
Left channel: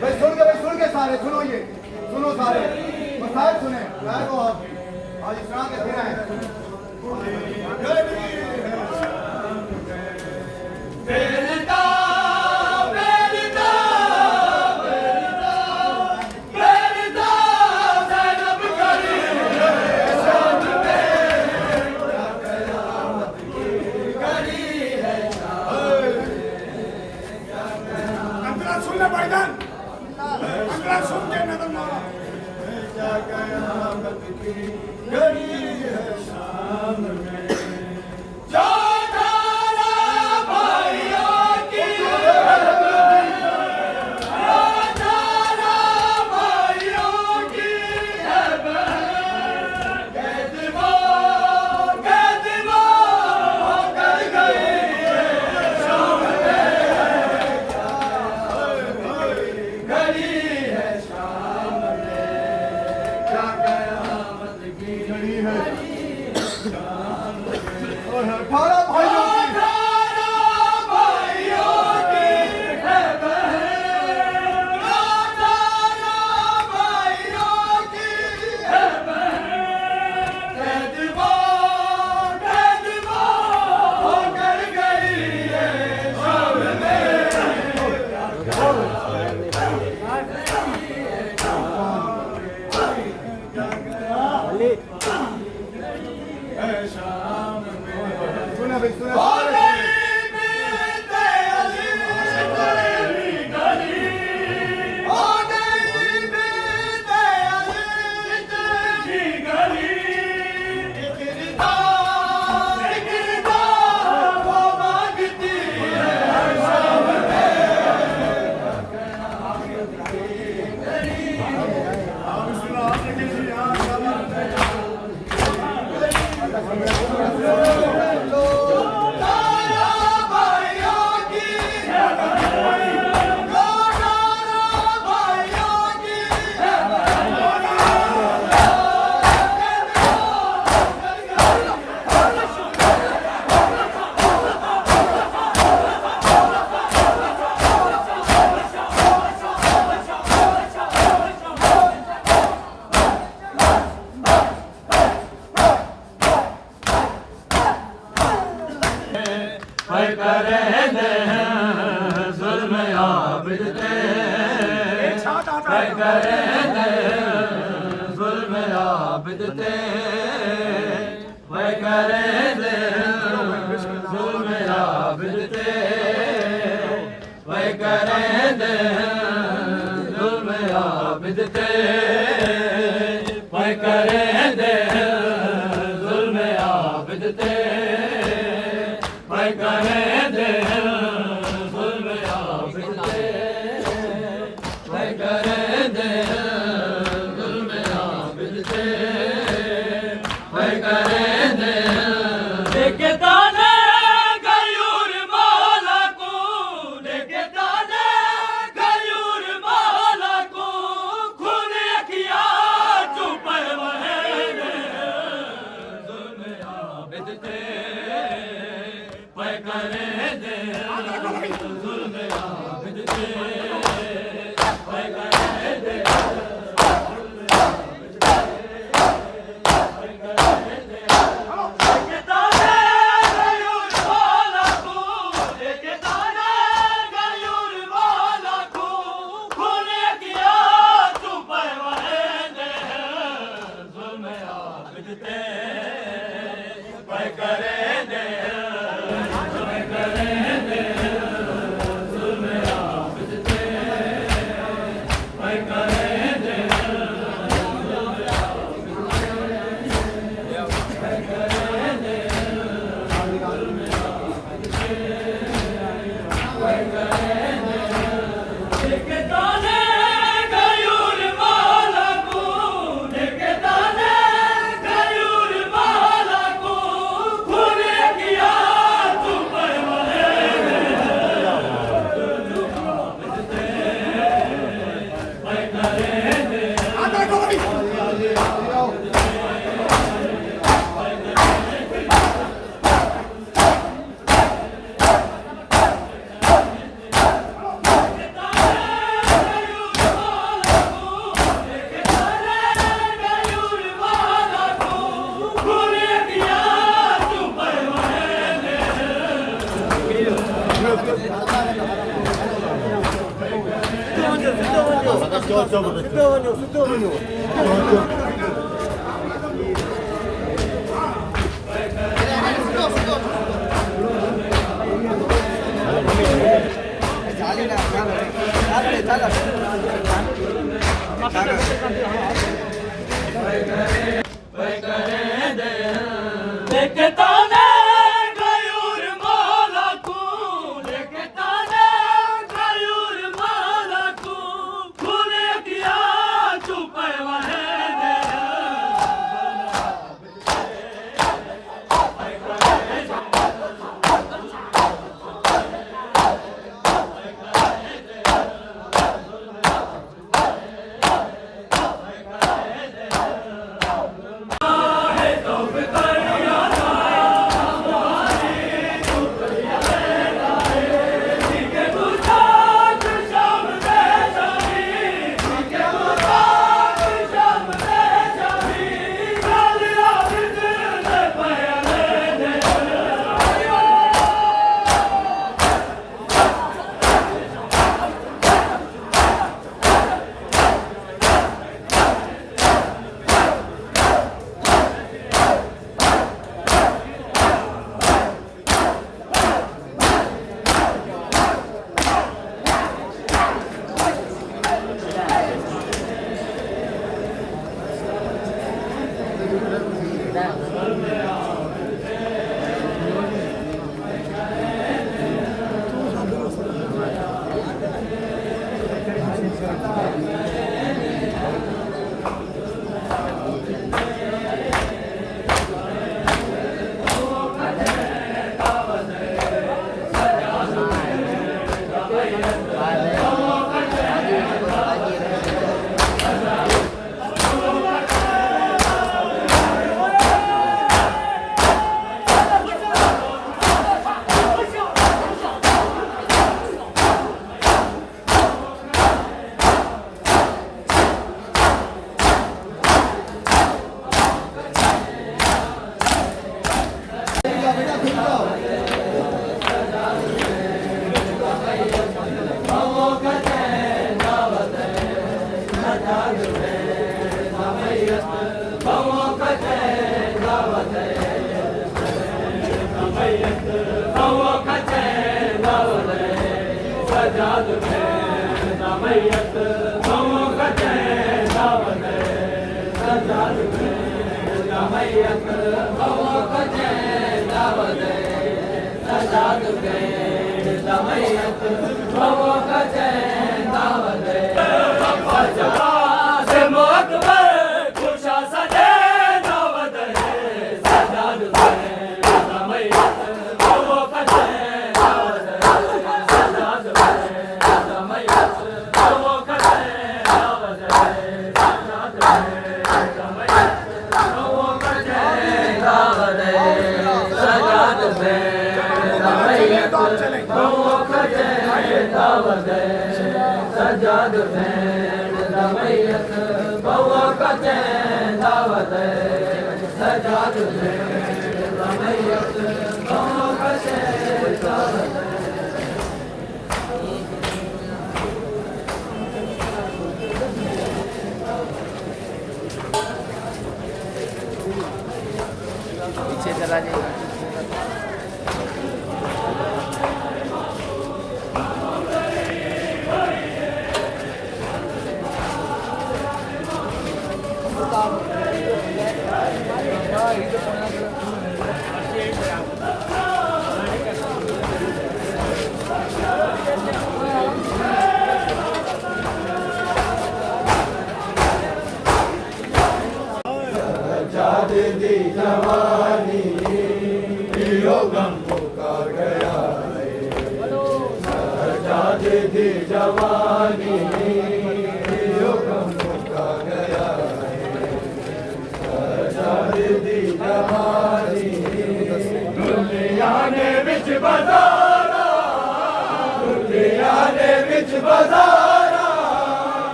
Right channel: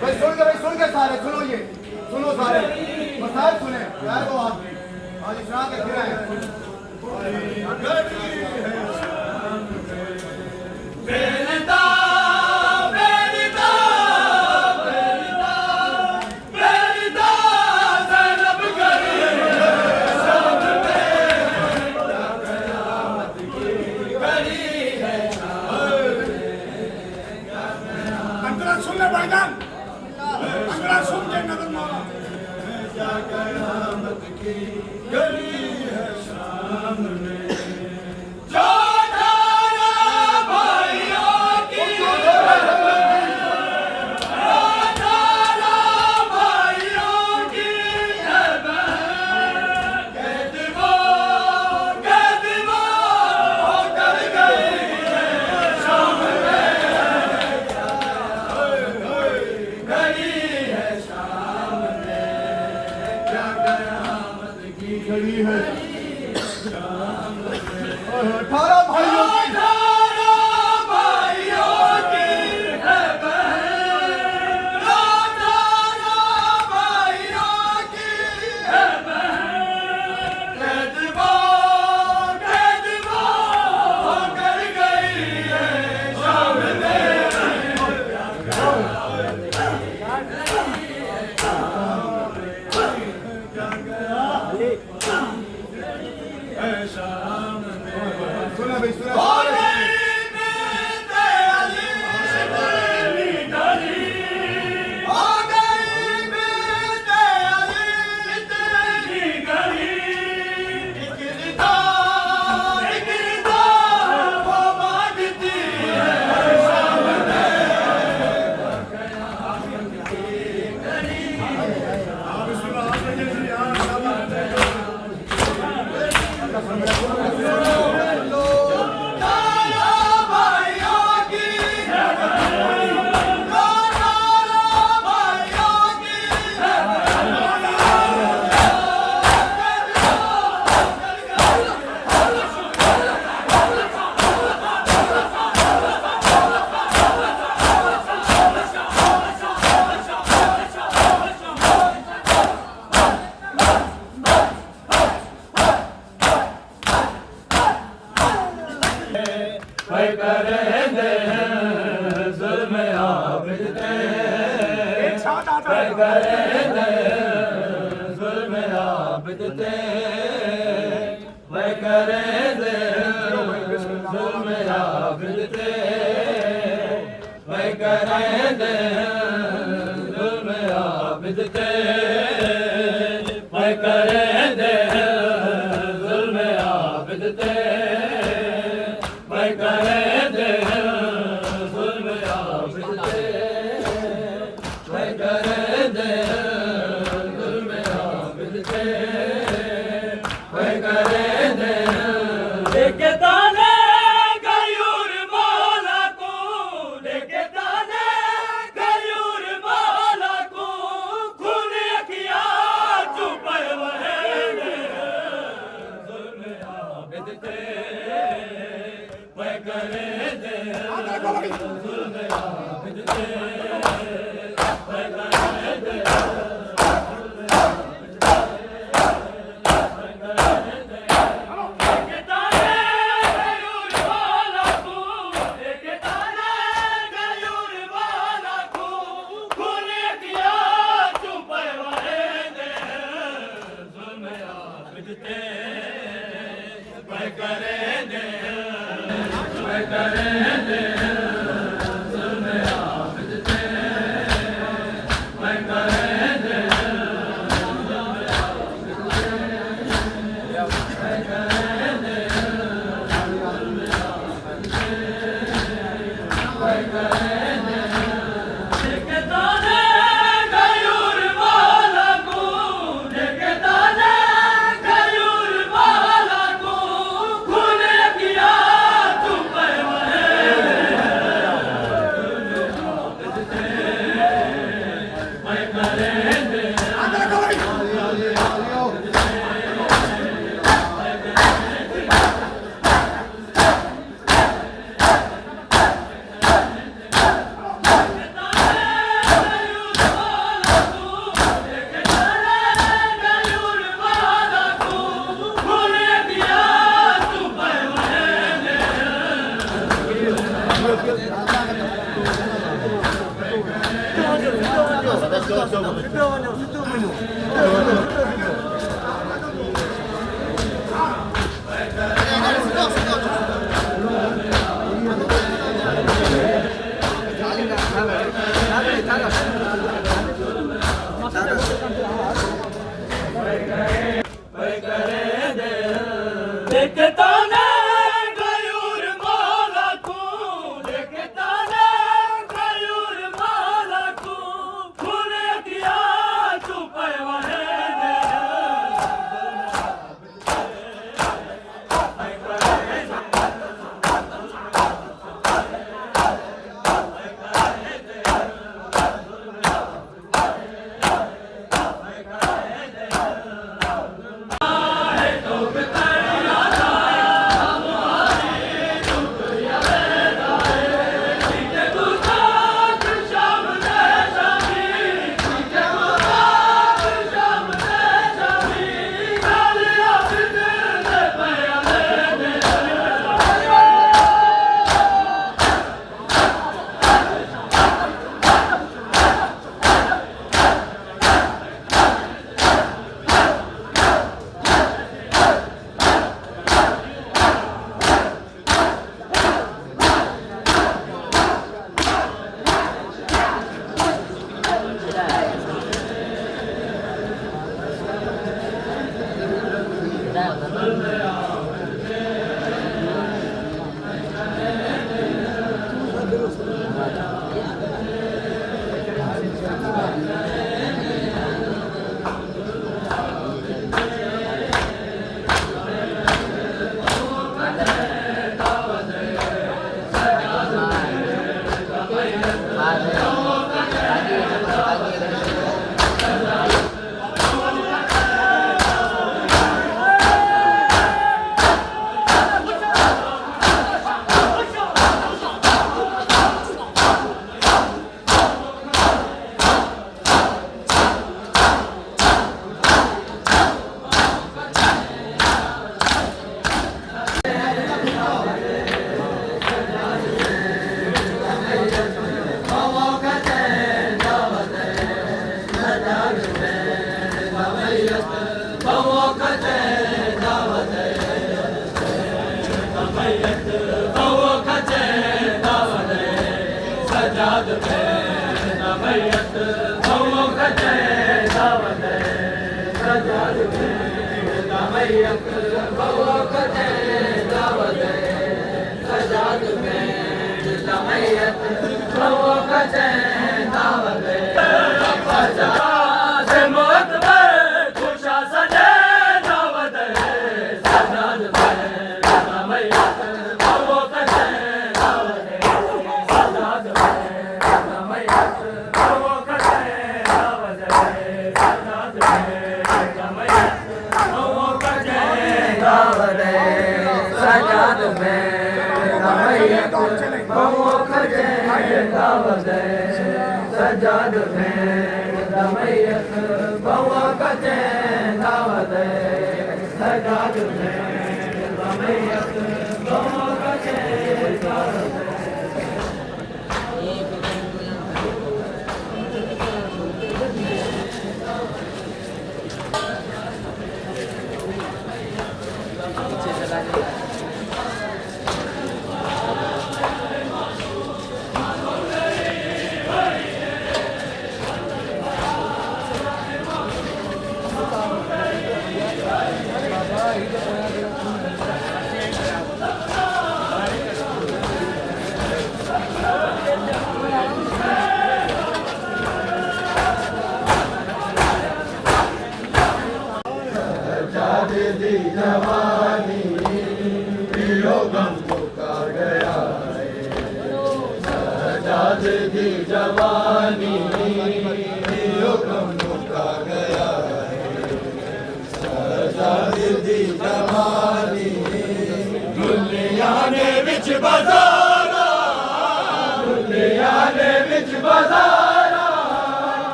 भाई सुन के सारे सुनो, ये सुनो सारे मसाइल सुने यार को आप आज सुना के फिर आए। सुनना पड़ेगा, अंगड़ा सुन के नजर मारो। क्या कयामत की घड़ी है शाम में, जो तारा भाइयों की, जो तारा भाइयों की है बहन, कैदवा होकर गई है शाम में, घड़ी है शाम में, क्या कयामत की घड़ी है शाम में। 18 भाइयों की, 18 भाइयों की है बहन, 18 भाइयों की है बहन, कैदवा होकर गई है शाम में। सुने भाई सुने हो सारे गई बेटे अली तेरी गली हो गई बेटे अली तेरी गली इकरिता वो मांगती है तारा भाइयों की तारा भाइयों की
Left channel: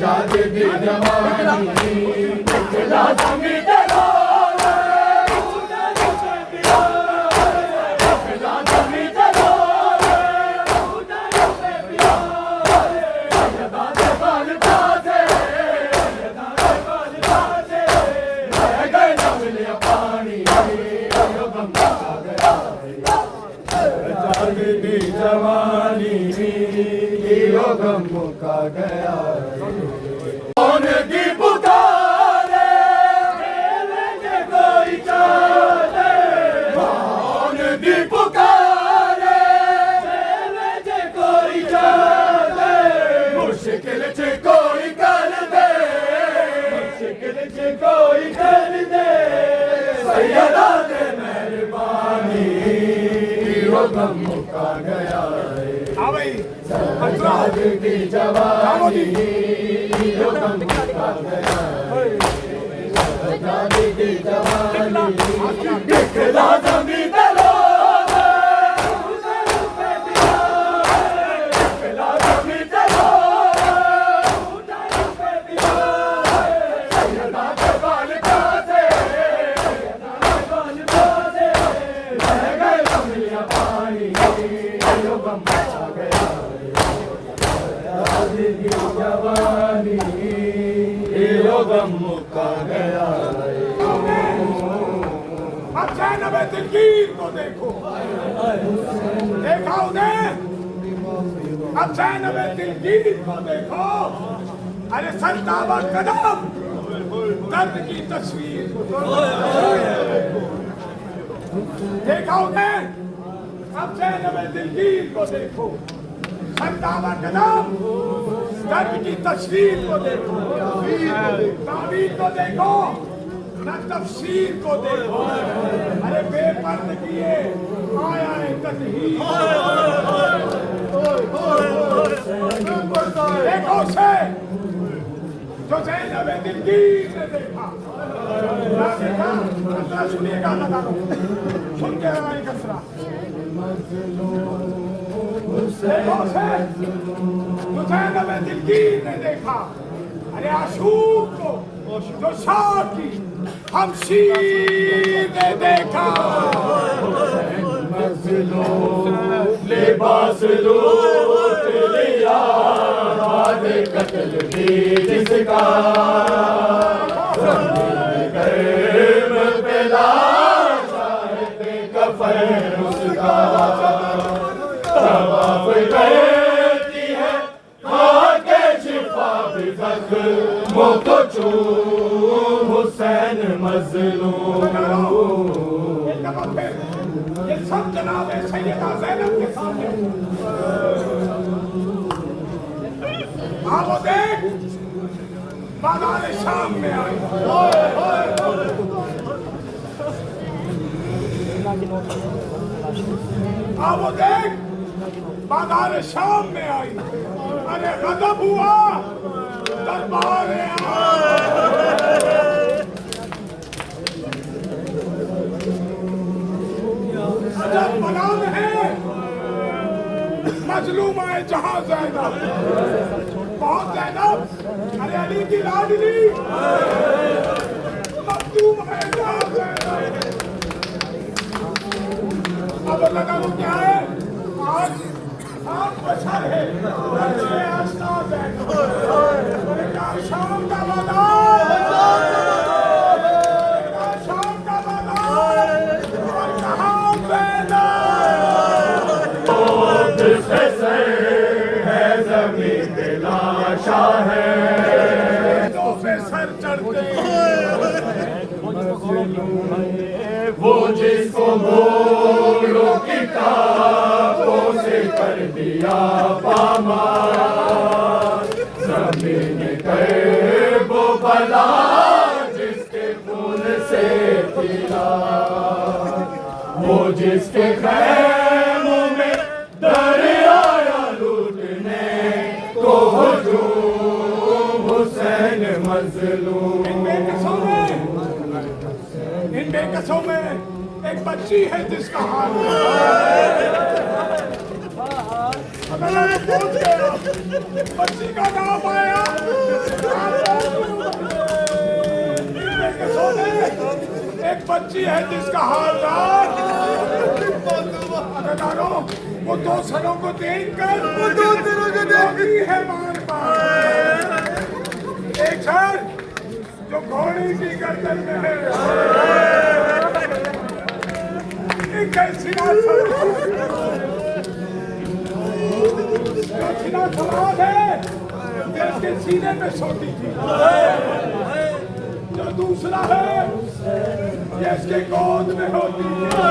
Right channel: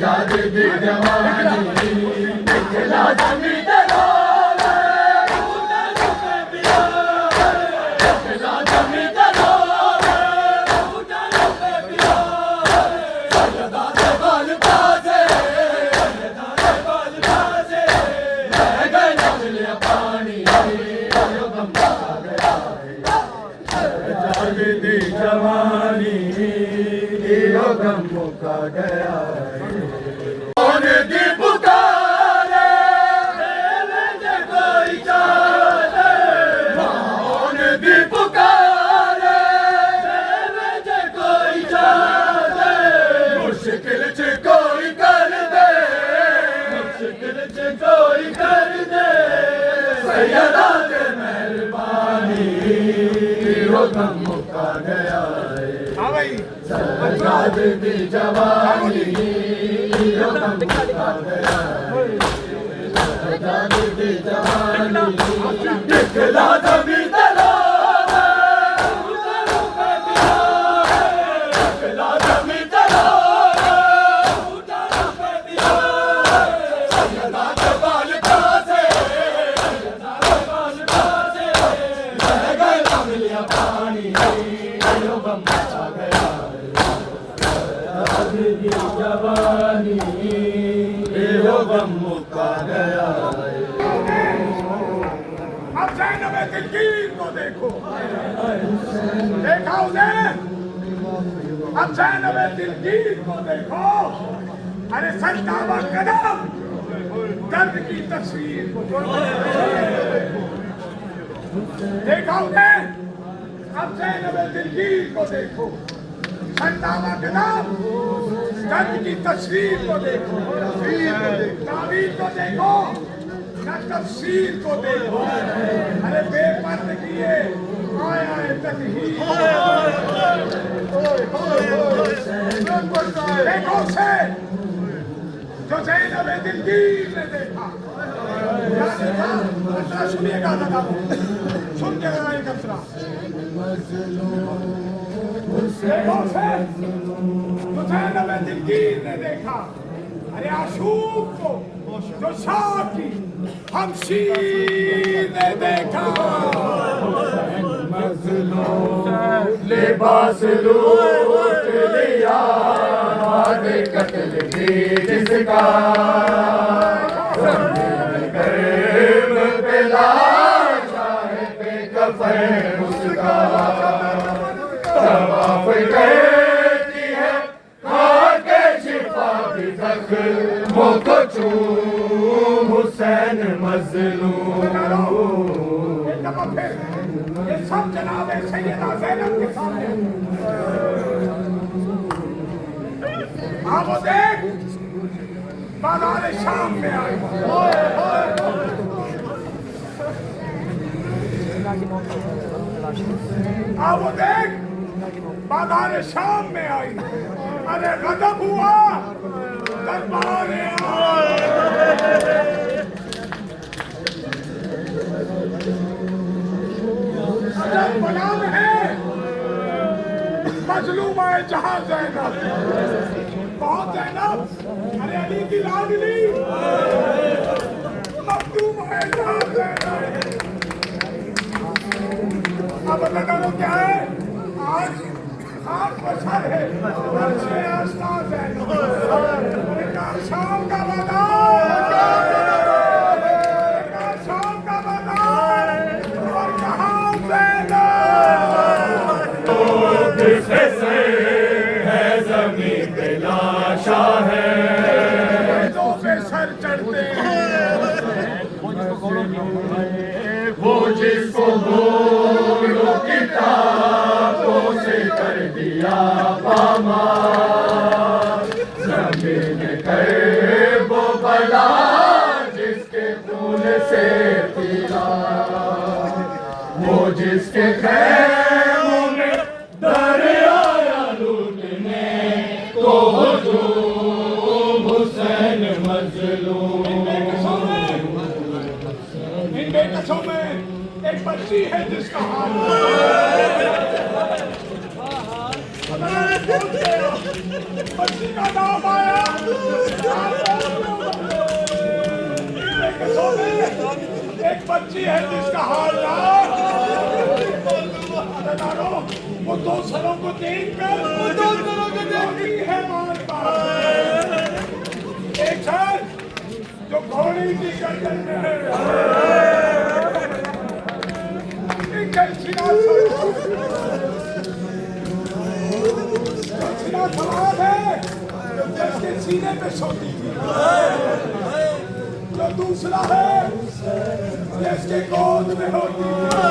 Jade जवानी यो गम मुका गया कौन दी पुकारे मेरे कोई चाले कौन दी पुकारे मेरे कोई चाले मुश्किल च कोई कर दे मुश्किल च कोई कर दे सैयदा दे मेहरबानी यो गम मुका गया सरकार की जवानी यो गम मुका गया सरकार की जवानी दिखला जमी तलो दिखला जमी तलो सैयदा के बाल कासे रह गए मिलिया पानी यो गम मुका गया की जवानी यो गम मुका गया अब ज़ैनब दिलगीर को देखो देखा उन्हें अब ज़ैनब दिलगीर को देखो अरे सरतावा कदम दर्द की तस्वीर को देखा उन्हें अब ज़ैनब दिलगीर को देखो सरतावा कदम दर्द की तस्वीर को देखो तावीर को देखो न तफसीर को देखो अरे बेपर्द किए आया है तकहीर देखो उसे जो ज़ैनब दिलगीर ने देखा सुनिएगा लगा सुन के लगाए कसरा देखो उसे जो ज़ैनब दिलगीर ने देखा अरे आशूक को जो शाह की हमशीर ने देखा लिबास लूट लिया बाद कत्ल की जिसका कर्म पे लाशा है कफन उसका तवाफ करती है खाके शिफा भी जख्मों को चूम हुसैन मज़लूम ये सब जनाब सैयदा ज़ैनब के सामने आप देख बाजार शाम में आई आप देख बाजार शाम में आई अरे गजब हुआ दरबार अजब बयान है मजलूम है जहां ज़ैनब कौन ज़ैनब अरे अली की लाडली मखदूम है जहां ज़ैनब अब लगा लो क्या है आज खाक बशर है अच्छे आस्था ज़ैनब अरे क्या शाम का बाजार शाम का बाजार और कहाँ ज़ैनब है ज़मीन पे लाशा है तो पे सर चढ़ते वो जिसको गोलों किताबों से कर दिया पामार ज़मीन कर वो बला जिसके खून से पीला वो जिसके खैमों में दरिया लूटने को हुजूम हुसैन मज़लूम इन बेकसों में एक बच्ची है जिसका हाल अल्लाह ने पहुंच गया, बच्ची का नाम आया, आप पहुंच गए सोने। एक बच्ची है जिसका हालदार वो दो सरों को देखकर है मार मार। एक सर जो घोड़ी की गर्दन में है, एक सीना सवाल है जिसके सीने पे सोती थी, जो दूसरा है जिसके गोद में होती है।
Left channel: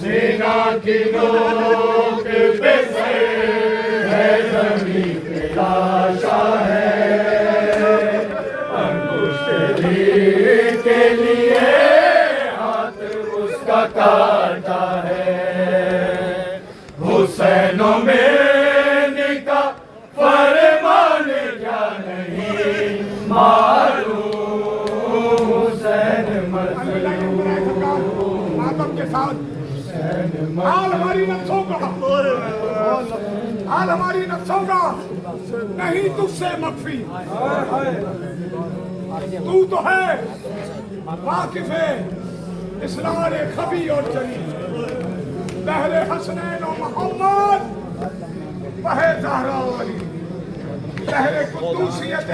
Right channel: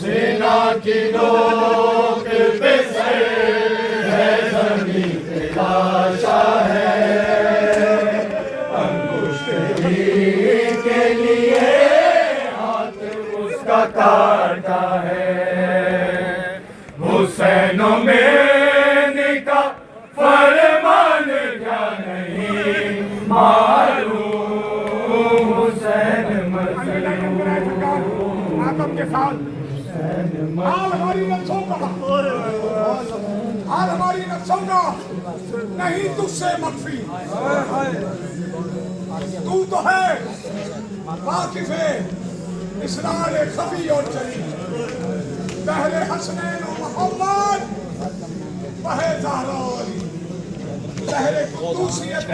सेना की नोक पे से है जमीन पे लाशा है, अंगुष्ठ के लिए हाथ उसका काटा है। हुसैन में का फरमान क्या नहीं मालूम, हुसैन आदम के साथ हाल हमारी नफ्सों का, हाल हमारी नफ्सों का नहीं तुझसे मख्फी। तू तो है वाकिफ है इसरार खफी और जली, बहरे हसनैन और मोहम्मद बहे ज़हरा वाली, बहरे कुद्दूसियत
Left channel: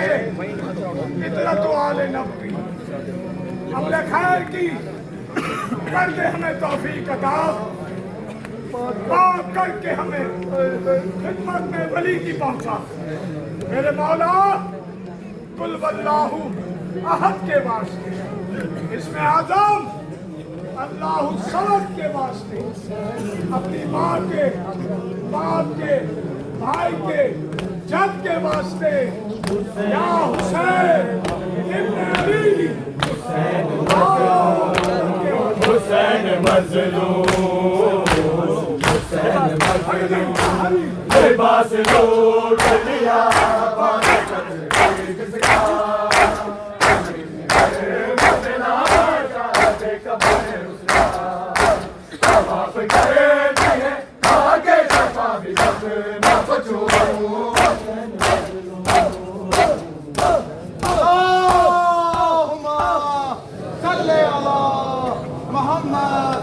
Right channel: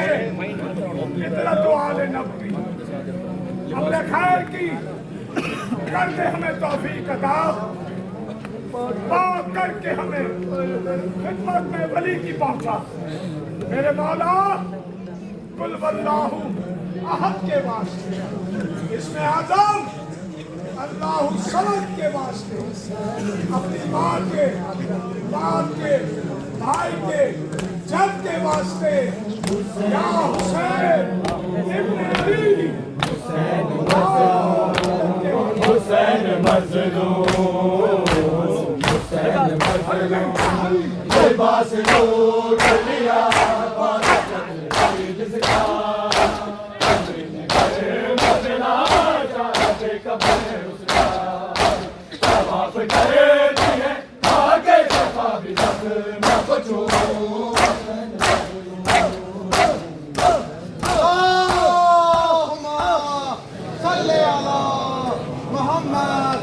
इतरत आले नबवी। अमले खैर की कर दे हमें तौफीक अता, पाक करके हमें खिदमत में वली की पहुंचा। मेरे मौला कुल वल्लाहु अहद के वास्ते, इसमें आजम अल्लाहु समद के वास्ते, अपनी माँ के, बाप के, भाई के, जद के वास्ते, या हुसैन इब्ने अली, हुसैन मज़लूम, हुसैन मज़लूम, लिबास लूट लिया जिसका, आगे सफा भी न बचो। अल्लाहुम्मा सल्ले अला मोहम्मद।